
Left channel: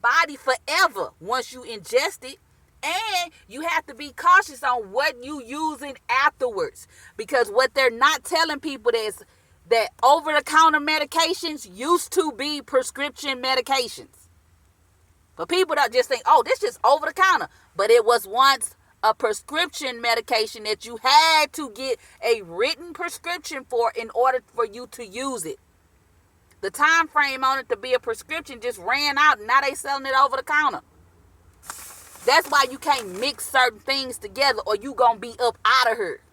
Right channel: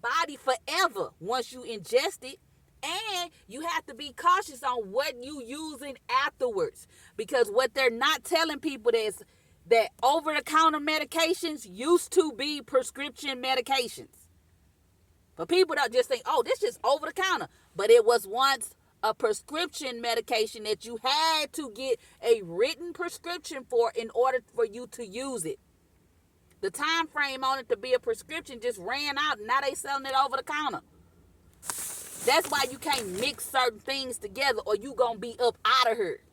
body forever once you ingest it. And you have to be cautious on what you using afterwards, because what they're not telling people is that over-the-counter medications used to be prescription medications. But people don't just think, oh, this is over-the-counter. But it was once a prescription medication that you had to get a written prescription for in order for you to use it. The time frame on it to be a prescription just ran out, and now they selling it over-the-counter. That's why you can't mix certain things together or you gonna be up out of here.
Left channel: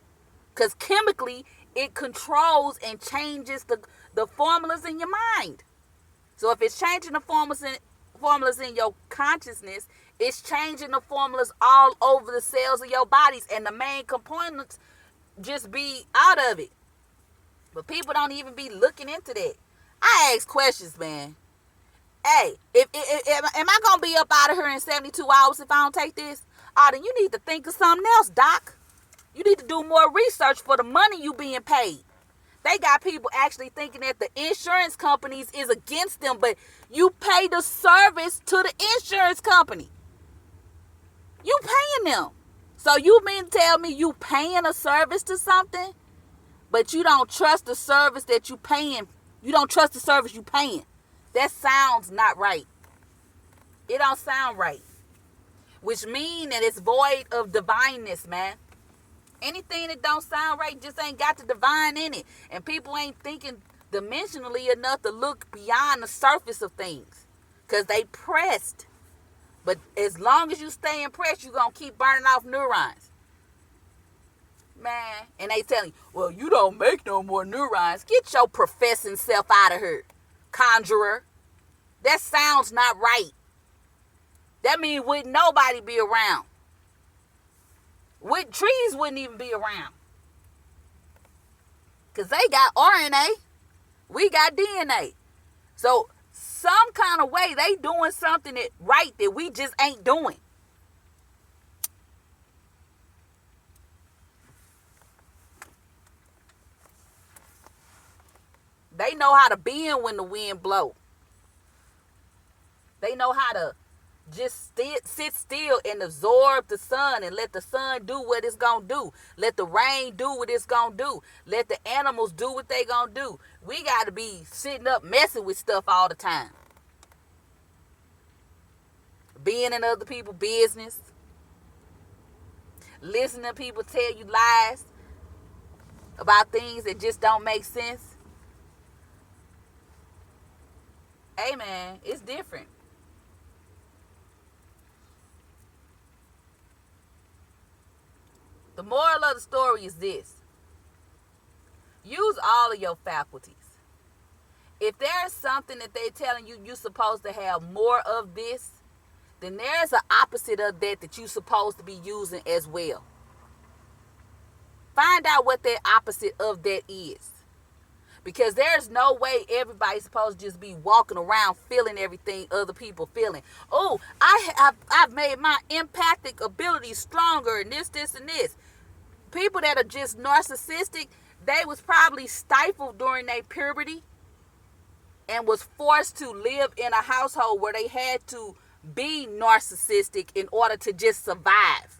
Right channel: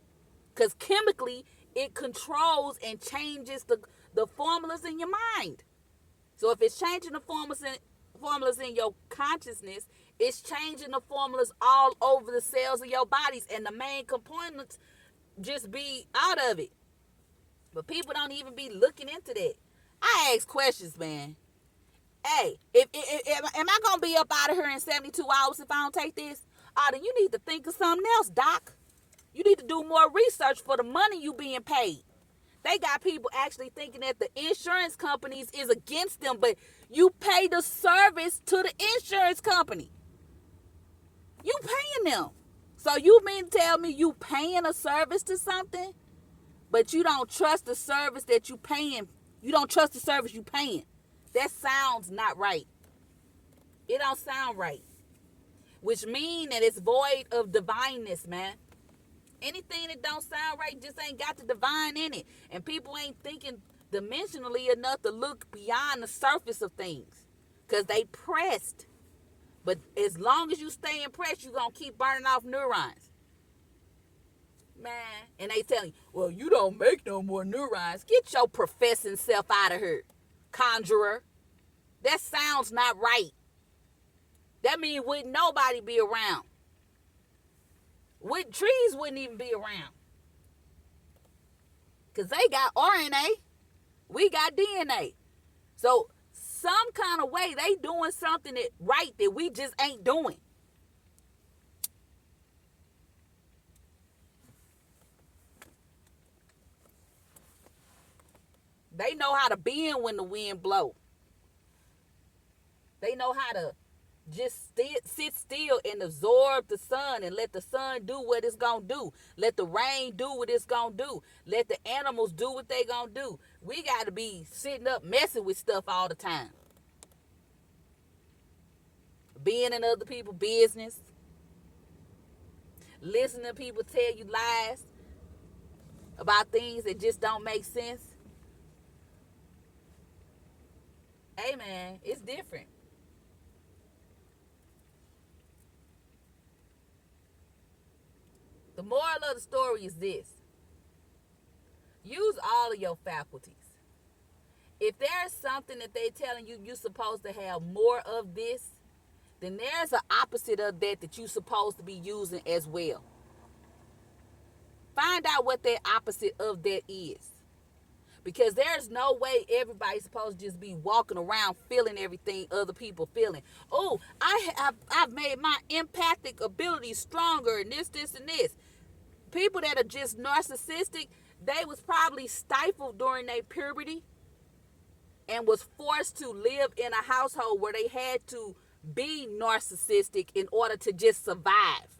Because chemically, it controls and changes the formulas in your mind. So if it's changing the formulas in your consciousness, it's changing the formulas all over the cells of your bodies, and the main components just be out of it. But people don't even be looking into that. I ask questions, man. Hey, am I going to be up out of here in 72 hours if I don't take this? Oh, then you need to think of something else, doc. You need to do more research for the money you being paid. They got people actually thinking that the insurance companies is against them, but you pay the service to the insurance company. You paying them. So you mean to tell me you paying a service to something, but you don't trust the service that you paying? You don't trust the service you paying. That sounds not right. It don't sound right. which mean that it's void of divineness, man. Anything that don't sound right just ain't got the divine in it. And people ain't thinking dimensionally enough to look beyond the surface of things. Because they pressed. But as long as you stay impressed, you're going to keep burning off neurons. Man. And they tell you, well, you don't make no more neurons. Get your professing self out of here, conjurer. That sounds not right. That means wouldn't nobody be around. Trees wouldn't even be around. Because they got RNA. We got DNA. So some kind of way they doing something that we just ain't doing. They know how to bend when the wind blow. They know how to just sit still and absorb the sun and let the sun do what it's going to do. Let the rain do what it's going to do. Let the animals do what they going to do. We got to be sitting up messing with stuff all the time. Being in other people's business. Listening to people tell you lies about things that just don't make sense. Hey, man, it's different. The moral of the story is this. Use all of your faculties. If there's something that they're telling you you're supposed to have more of this, then there's an opposite of that you're supposed to be using as well. Find out what that opposite of that is. Because there's no way everybody's supposed to just be walking around feeling everything other people feeling. Oh, I've made my empathic ability stronger and this, and this. People that are just narcissistic, they was probably stifled during their puberty and was forced to live in a household where they had to be narcissistic in order to just survive.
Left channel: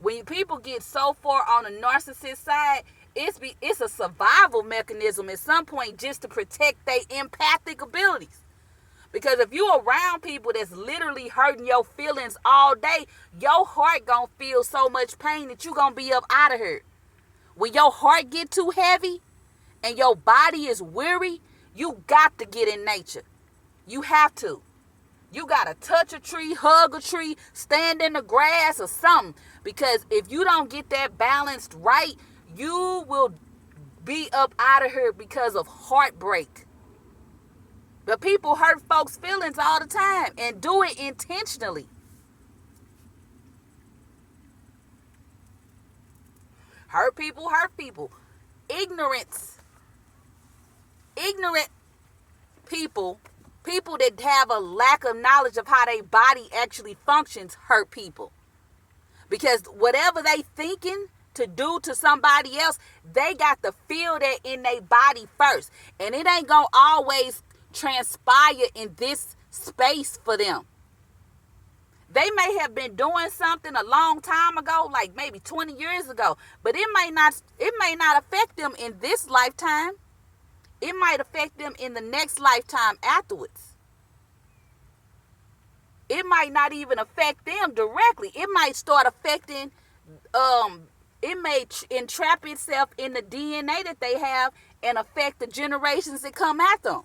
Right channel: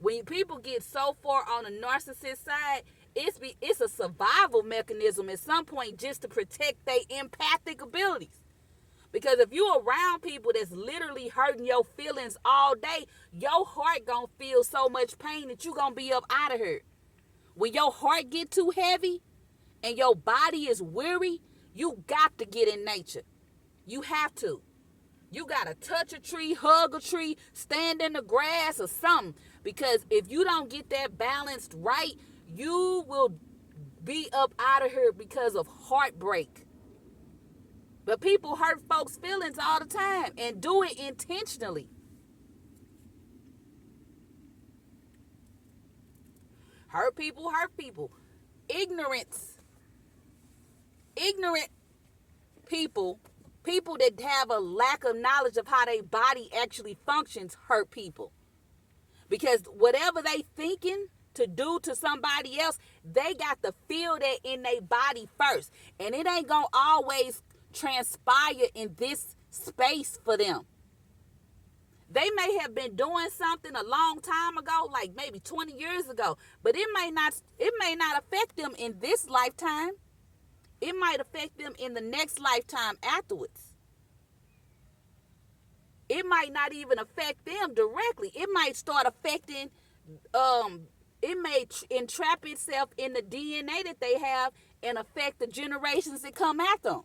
When people get so far on the narcissist side, it's a survival mechanism at some point just to protect their empathic abilities. Because if you're around people that's literally hurting your feelings all day, your heart gonna feel so much pain that you gonna be up out of here. When your heart get too heavy and your body is weary, you got to get in nature. You have to. You gotta touch a tree, hug a tree, stand in the grass or something. Because if you don't get that balanced right, you will be up out of here because of heartbreak. But people hurt folks' feelings all the time and do it intentionally. Hurt people. Ignorant people that have a lack of knowledge of how their body actually functions, hurt people. Because whatever they thinking to do to somebody else, they got to feel that in their body first. And it ain't going to always transpire in this space for them. They may have been doing something a long time ago, like maybe 20 years ago, but it may not affect them in this lifetime. It might affect them in the next lifetime afterwards. It might not even affect them directly. It might start affecting, it may entrap itself in the DNA that they have and affect the generations that come after them.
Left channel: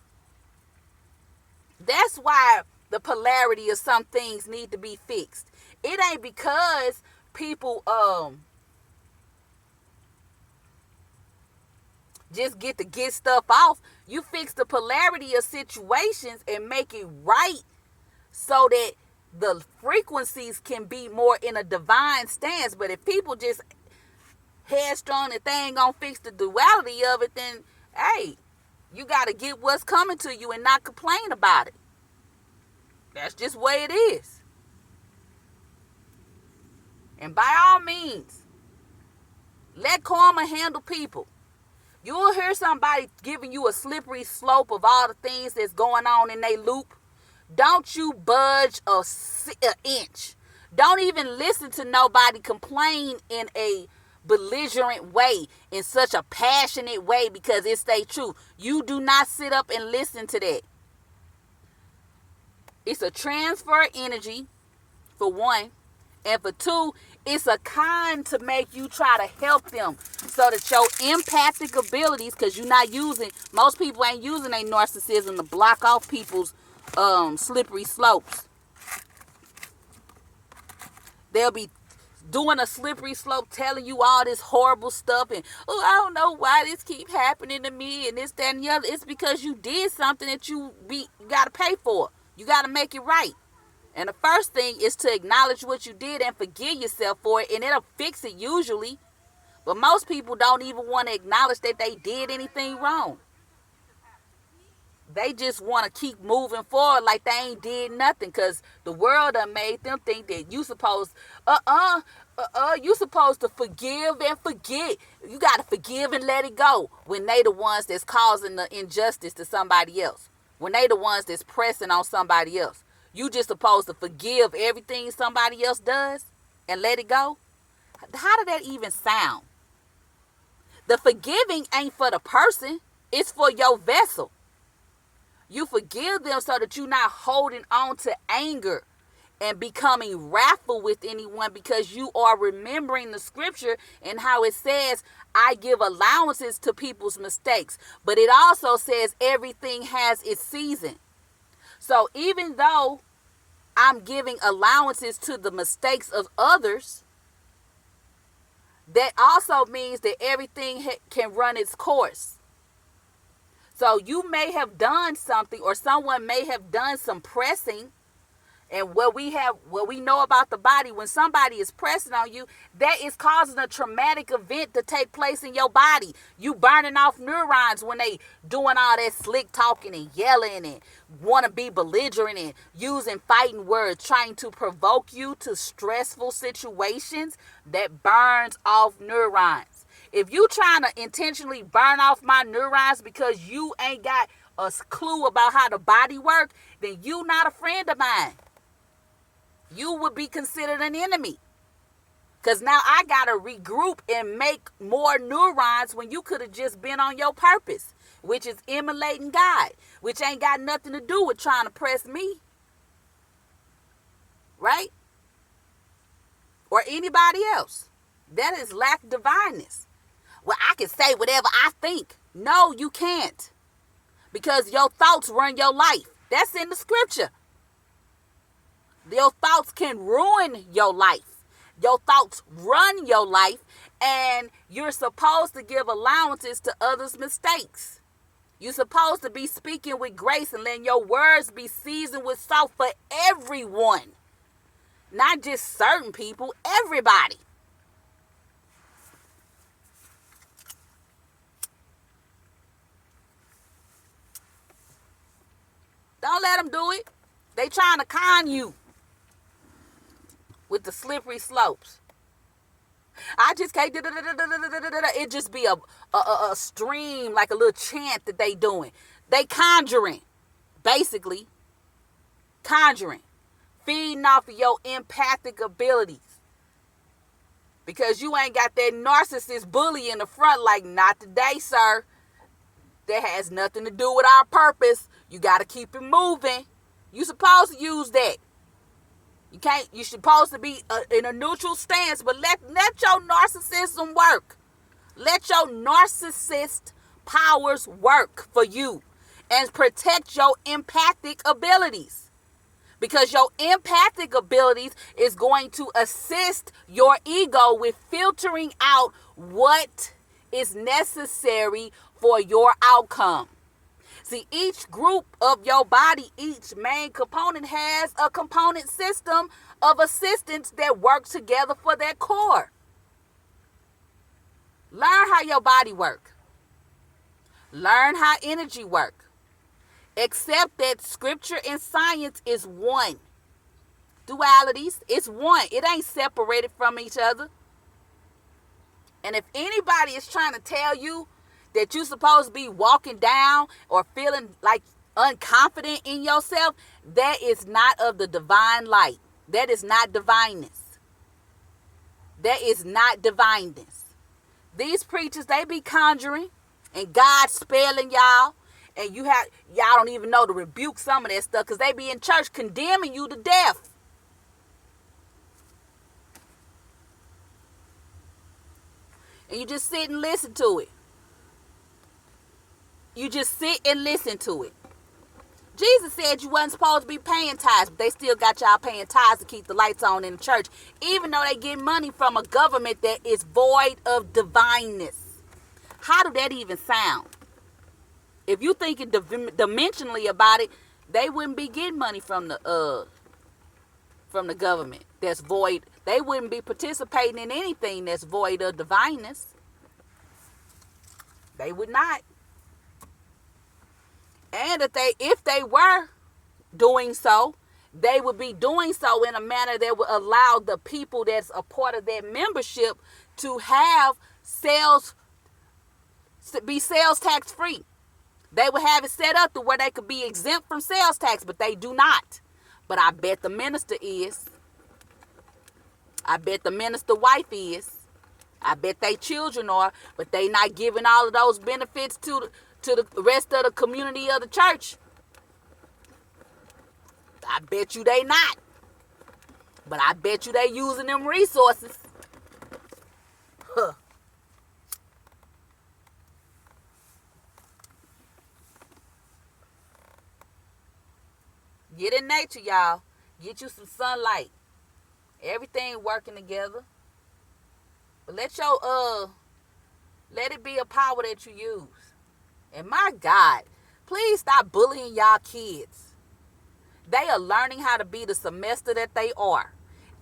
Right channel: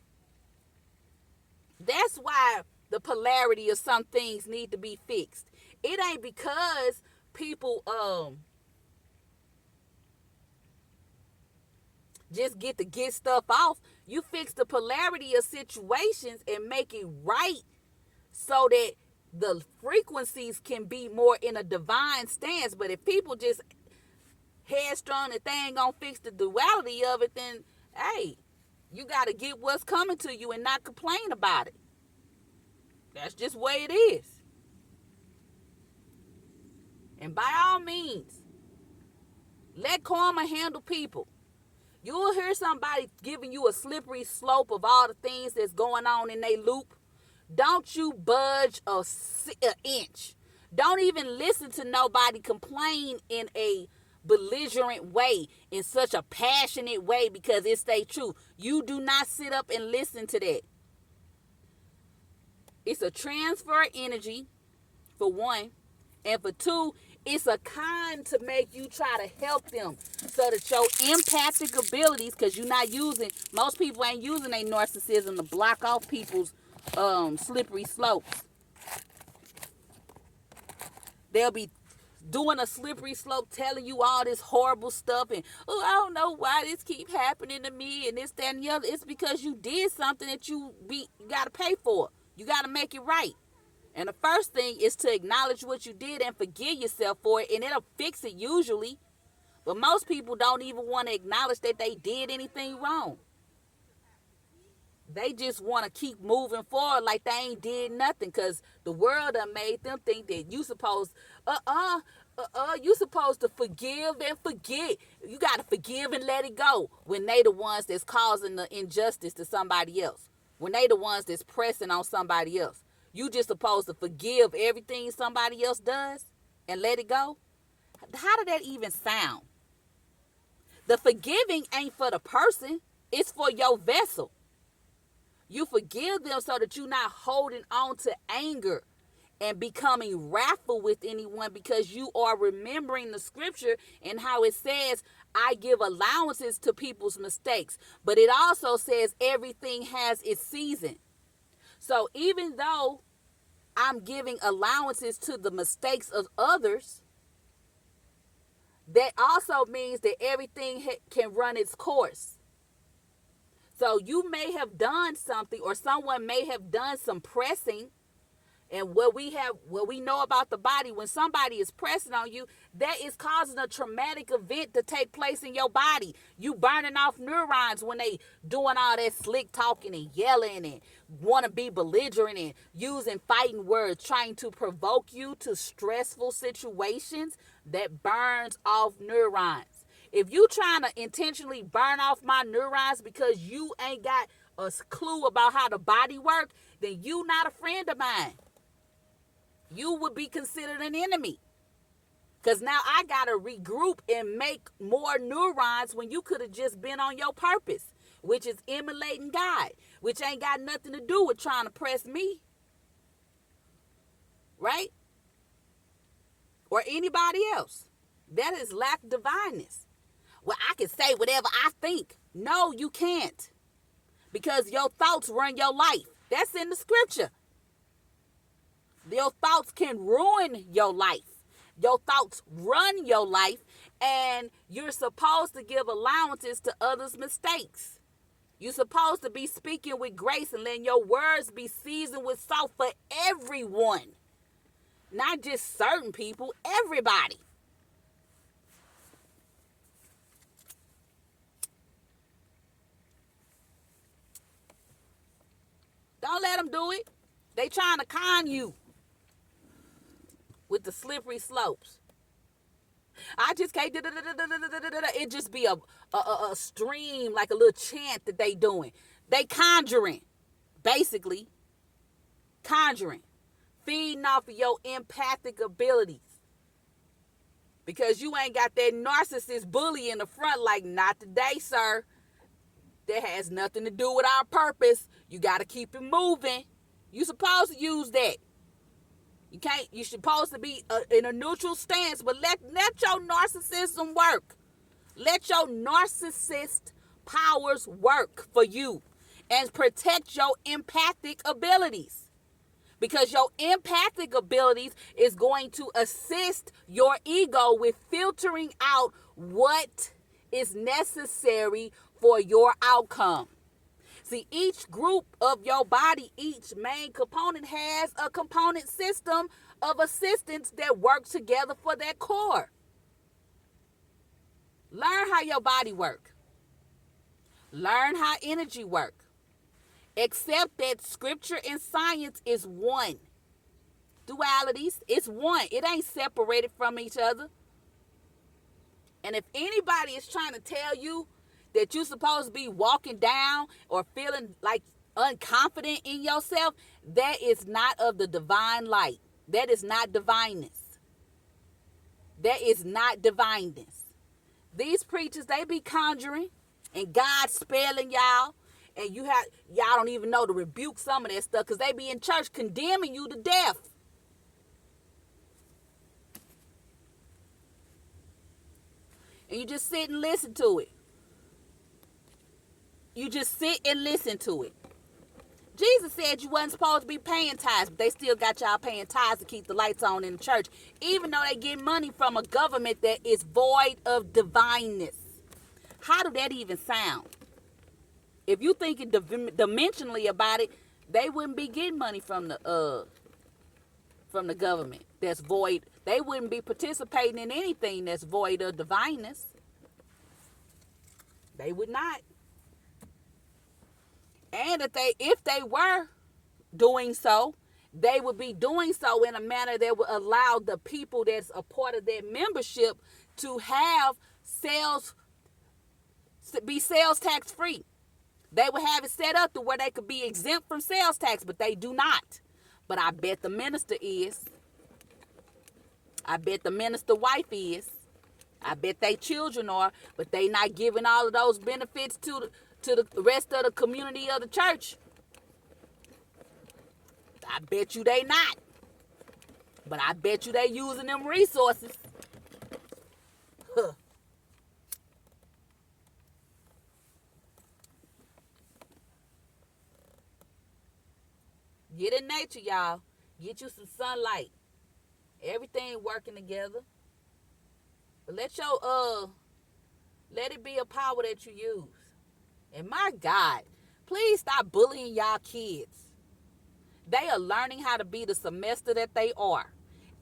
That's why the polarity of some things need to be fixed. It ain't because people just get stuff off. You fix the polarity of situations and make it right so that the frequencies can be more in a divine stance. But if people just headstrong that they ain't gonna fix the duality of it, then hey, you gotta get what's coming to you and not complain about it. That's just the way it is. And by all means, let karma handle people. You'll hear somebody giving you a slippery slope of all the things that's going on in their loop. Don't you budge an inch. Don't even listen to nobody complain in a belligerent way, in such a passionate way, because it's their truth. You do not sit up and listen to that. It's a transfer energy for one. And for two, it's a kind to make you try to help them so that your empathic abilities, because you're not using, most people ain't using their narcissism to block off people's slippery slopes. They'll be doing a slippery slope, telling you all this horrible stuff, and oh, I don't know why this keep happening to me, and this, that, and the other. It's because you did something that you gotta pay for. You gotta make it right. And the first thing is to acknowledge what you did and forgive yourself for it, and it'll fix it usually. But most people don't even want to acknowledge that they did anything wrong. They just want to keep moving forward like they ain't did nothing, because the world done made them think that you supposed, you supposed to forgive and forget. You got to forgive and let it go when they the ones that's causing the injustice to somebody else. When they the ones that's pressing on somebody else. You just supposed to forgive everything somebody else does and let it go? How did that even sound? The forgiving ain't for the person. It's for your vessel. You forgive them so that you're not holding on to anger and becoming wrathful with anyone, because you are remembering the scripture and how it says, I give allowances to people's mistakes. But it also says everything has its season. So even though I'm giving allowances to the mistakes of others, that also means that everything can run its course. So you may have done something, or someone may have done some pressing. And what we know about the body, when somebody is pressing on you, that is causing a traumatic event to take place in your body. You burning off neurons when they doing all that slick talking and yelling and want to be belligerent and using fighting words, trying to provoke you to stressful situations. That burns off neurons. If you trying to intentionally burn off my neurons because you ain't got a clue about how the body works, then you not a friend of mine. You would be considered an enemy. Because now I got to regroup and make more neurons when you could have just been on your purpose, which is emulating God, which ain't got nothing to do with trying to press me. Right? Or anybody else. That is lack of divineness. Well, I can say whatever I think. No, you can't. Because your thoughts run your life. That's in the scripture. Your thoughts can ruin your life. Your thoughts run your life, and you're supposed to give allowances to others' mistakes. You're supposed to be speaking with grace and letting your words be seasoned with salt for everyone. Not just certain people, everybody. Don't let them do it. They trying to con you with the slippery slopes. I just can't. It just be a stream, like a little chant that they doing. They conjuring, basically. Conjuring. Feeding off of your empathic abilities. Because you ain't got that narcissist bully in the front like, not today, sir. That has nothing to do with our purpose. You got to keep it moving. You supposed to use that. You can't. You're supposed to be in a neutral stance, but let your narcissism work. Let your narcissist powers work for you, and protect your empathic abilities, because your empathic abilities is going to assist your ego with filtering out what is necessary for your outcome. See, each group of your body, each main component has a component system of assistance that work together for that core. Learn how your body works. Learn how energy works. Accept that scripture and science is one. Dualities, it's one. It ain't separated from each other. And if anybody is trying to tell you that you're supposed to be walking down or feeling like unconfident in yourself, that is not of the divine light. That is not divineness. That is not divineness. These preachers, they be conjuring and God spelling y'all, and y'all don't even know to rebuke some of that stuff, because they be in church condemning you to death. And you just sit and listen to it. You just sit and listen to it. Jesus said you wasn't supposed to be paying tithes, but they still got y'all paying tithes to keep the lights on in the church, even though they get money from a government that is void of divineness. How do that even sound? If you thinking dimensionally about it, they wouldn't be getting money from the government that's void. They wouldn't be participating in anything that's void of divineness. They would not. And if they were doing so, they would be doing so in a manner that would allow the people that's a part of their membership to have be sales tax free. They would have it set up to where they could be exempt from sales tax, but they do not. But I bet the minister is. I bet the minister wife is. I bet they children are, but they not giving all of those benefits to the rest of the community of the church. I bet you they not. But I bet you they using them resources. Huh. Get in nature, y'all. Get you some sunlight. Everything working together. But let it be a power that you use. And my God, please stop bullying y'all kids. They are learning how to be the semester that they are.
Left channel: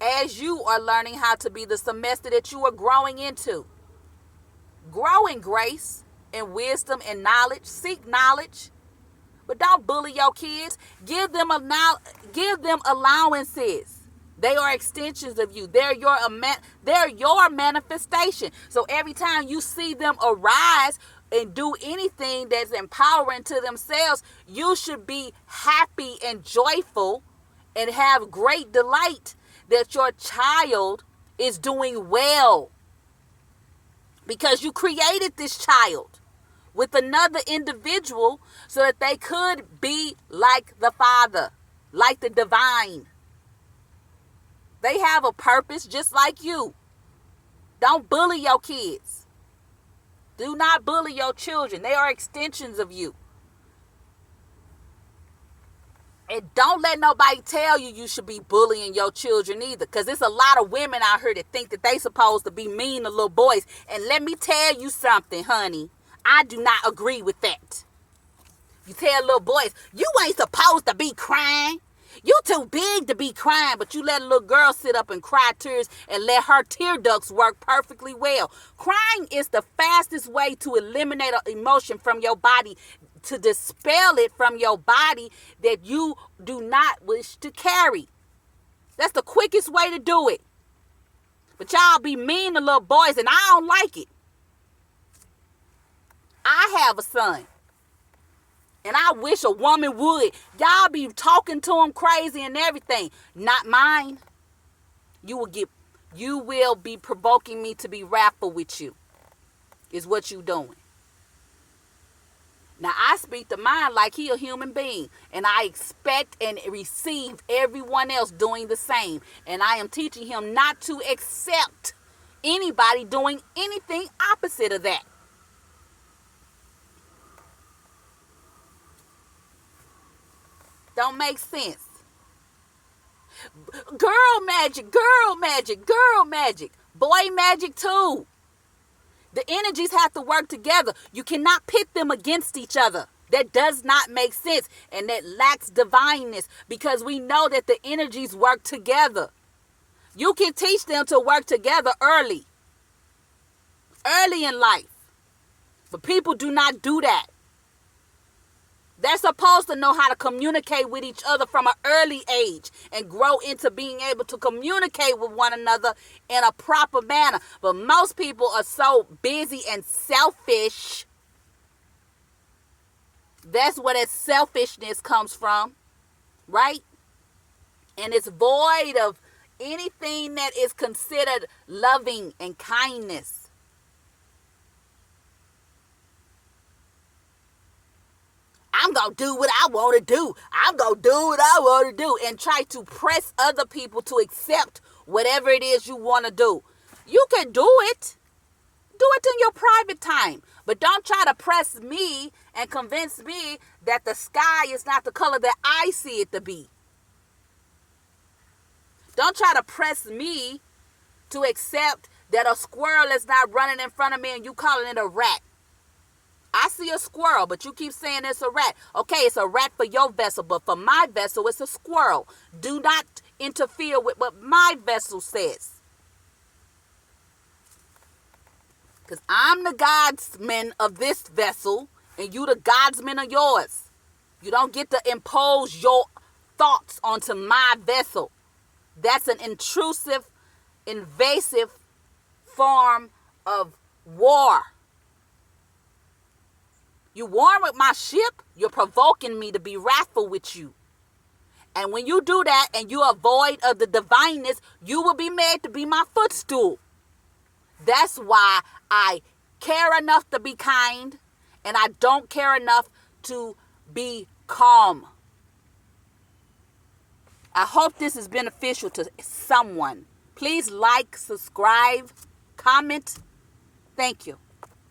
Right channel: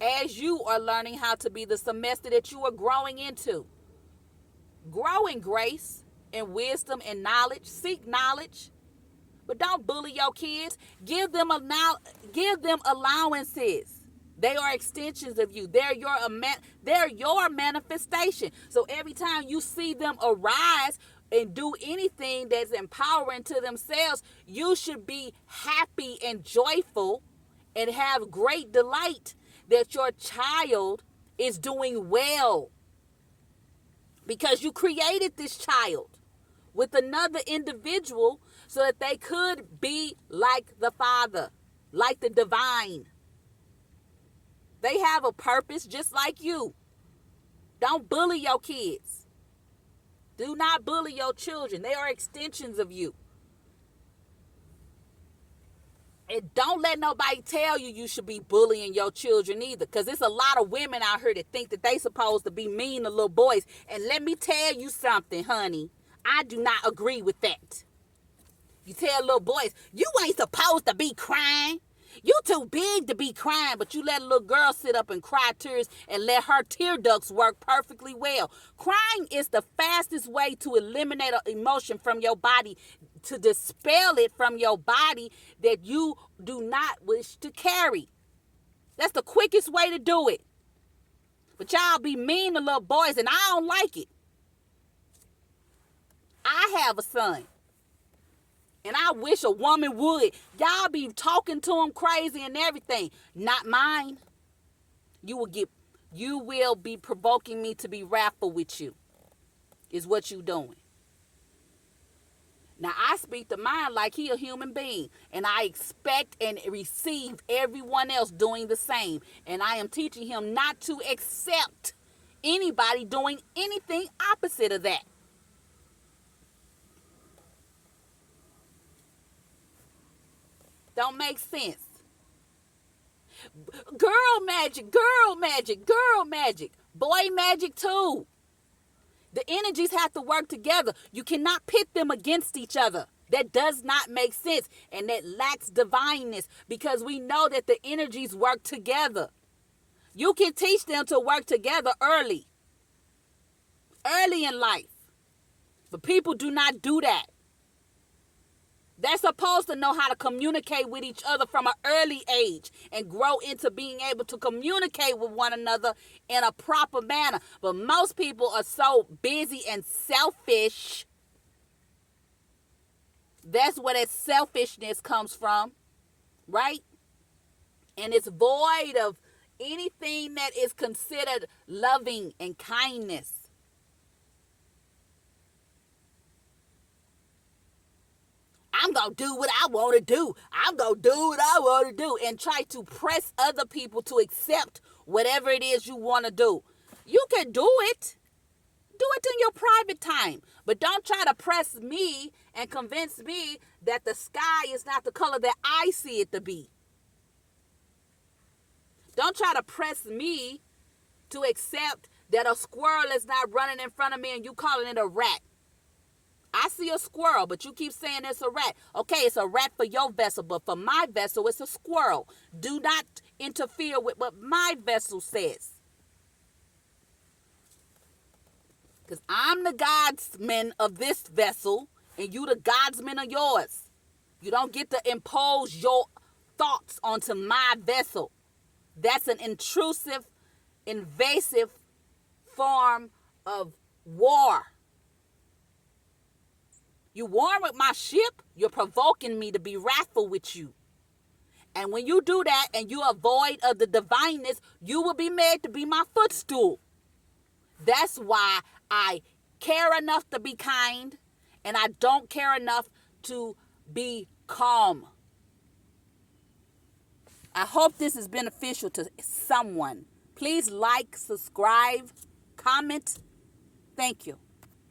As you are learning how to be the semester that you are growing into. Grow in grace and wisdom and knowledge. Seek knowledge. But don't bully your kids. Give them allowances. They are extensions of you. They're your manifestation. So every time you see them arise and do anything that's empowering to themselves, you should be happy and joyful and have great delight that your child is doing well. Because you created this child with another individual so that they could be like the Father, like the divine. They have a purpose just like you. Don't bully your kids. Do not bully your children. They are extensions of you. And don't let nobody tell you you should be bullying your children either. Because there's a lot of women out here that think that they supposed to be mean to little boys. And let me tell you something, honey. I do not agree with that. You tell little boys, you ain't supposed to be crying. You too big to be crying, but you let a little girl sit up and cry tears and let her tear ducts work perfectly well. Crying is the fastest way to eliminate an emotion from your body, to dispel it from your body that you do not wish to carry. That's the quickest way to do it. But y'all be mean to little boys, and I don't like it. I have a son. And I wish a woman would. Y'all be talking to him crazy and everything. Not mine. You will be provoking me to be wrathful with you. Is what you doing. Now I speak to mine like he a human being. And I expect and receive everyone else doing the same. And I am teaching him not to accept anybody doing anything opposite of that. Don't make sense. Girl magic, girl magic, girl magic. Boy magic too. The energies have to work together. You cannot pit them against each other. That does not make sense. And that lacks divineness, because we know that the energies work together. You can teach them to work together early in life. But people do not do that. They're supposed to know how to communicate with each other from an early age and grow into being able to communicate with one another in a proper manner. But most people are so busy and selfish. That's where that selfishness comes from, right? And it's void of anything that is considered loving and kindness. I'm going to do what I want to do. I'm going to do what I want to do. And try to press other people to accept whatever it is you want to do. You can do it. Do it in your private time. But don't try to press me and convince me that the sky is not the color that I see it to be. Don't try to press me to accept that a squirrel is not running in front of me and you calling it a rat. I see a squirrel, but you keep saying it's a rat. Okay, it's a rat for your vessel, but for my vessel, it's a squirrel. Do not interfere with what my vessel says. Because I'm the godsman of this vessel, and you the godsman of yours. You don't get to impose your thoughts onto my vessel. That's an intrusive, invasive form of war. You warring with my ship, you're provoking me to be wrathful with you. And when you do that and you are void of the divineness, you will be made to be my footstool. That's why I care enough to be kind and I don't care enough to be calm. I hope this is beneficial to someone. Please like, subscribe, comment. Thank you.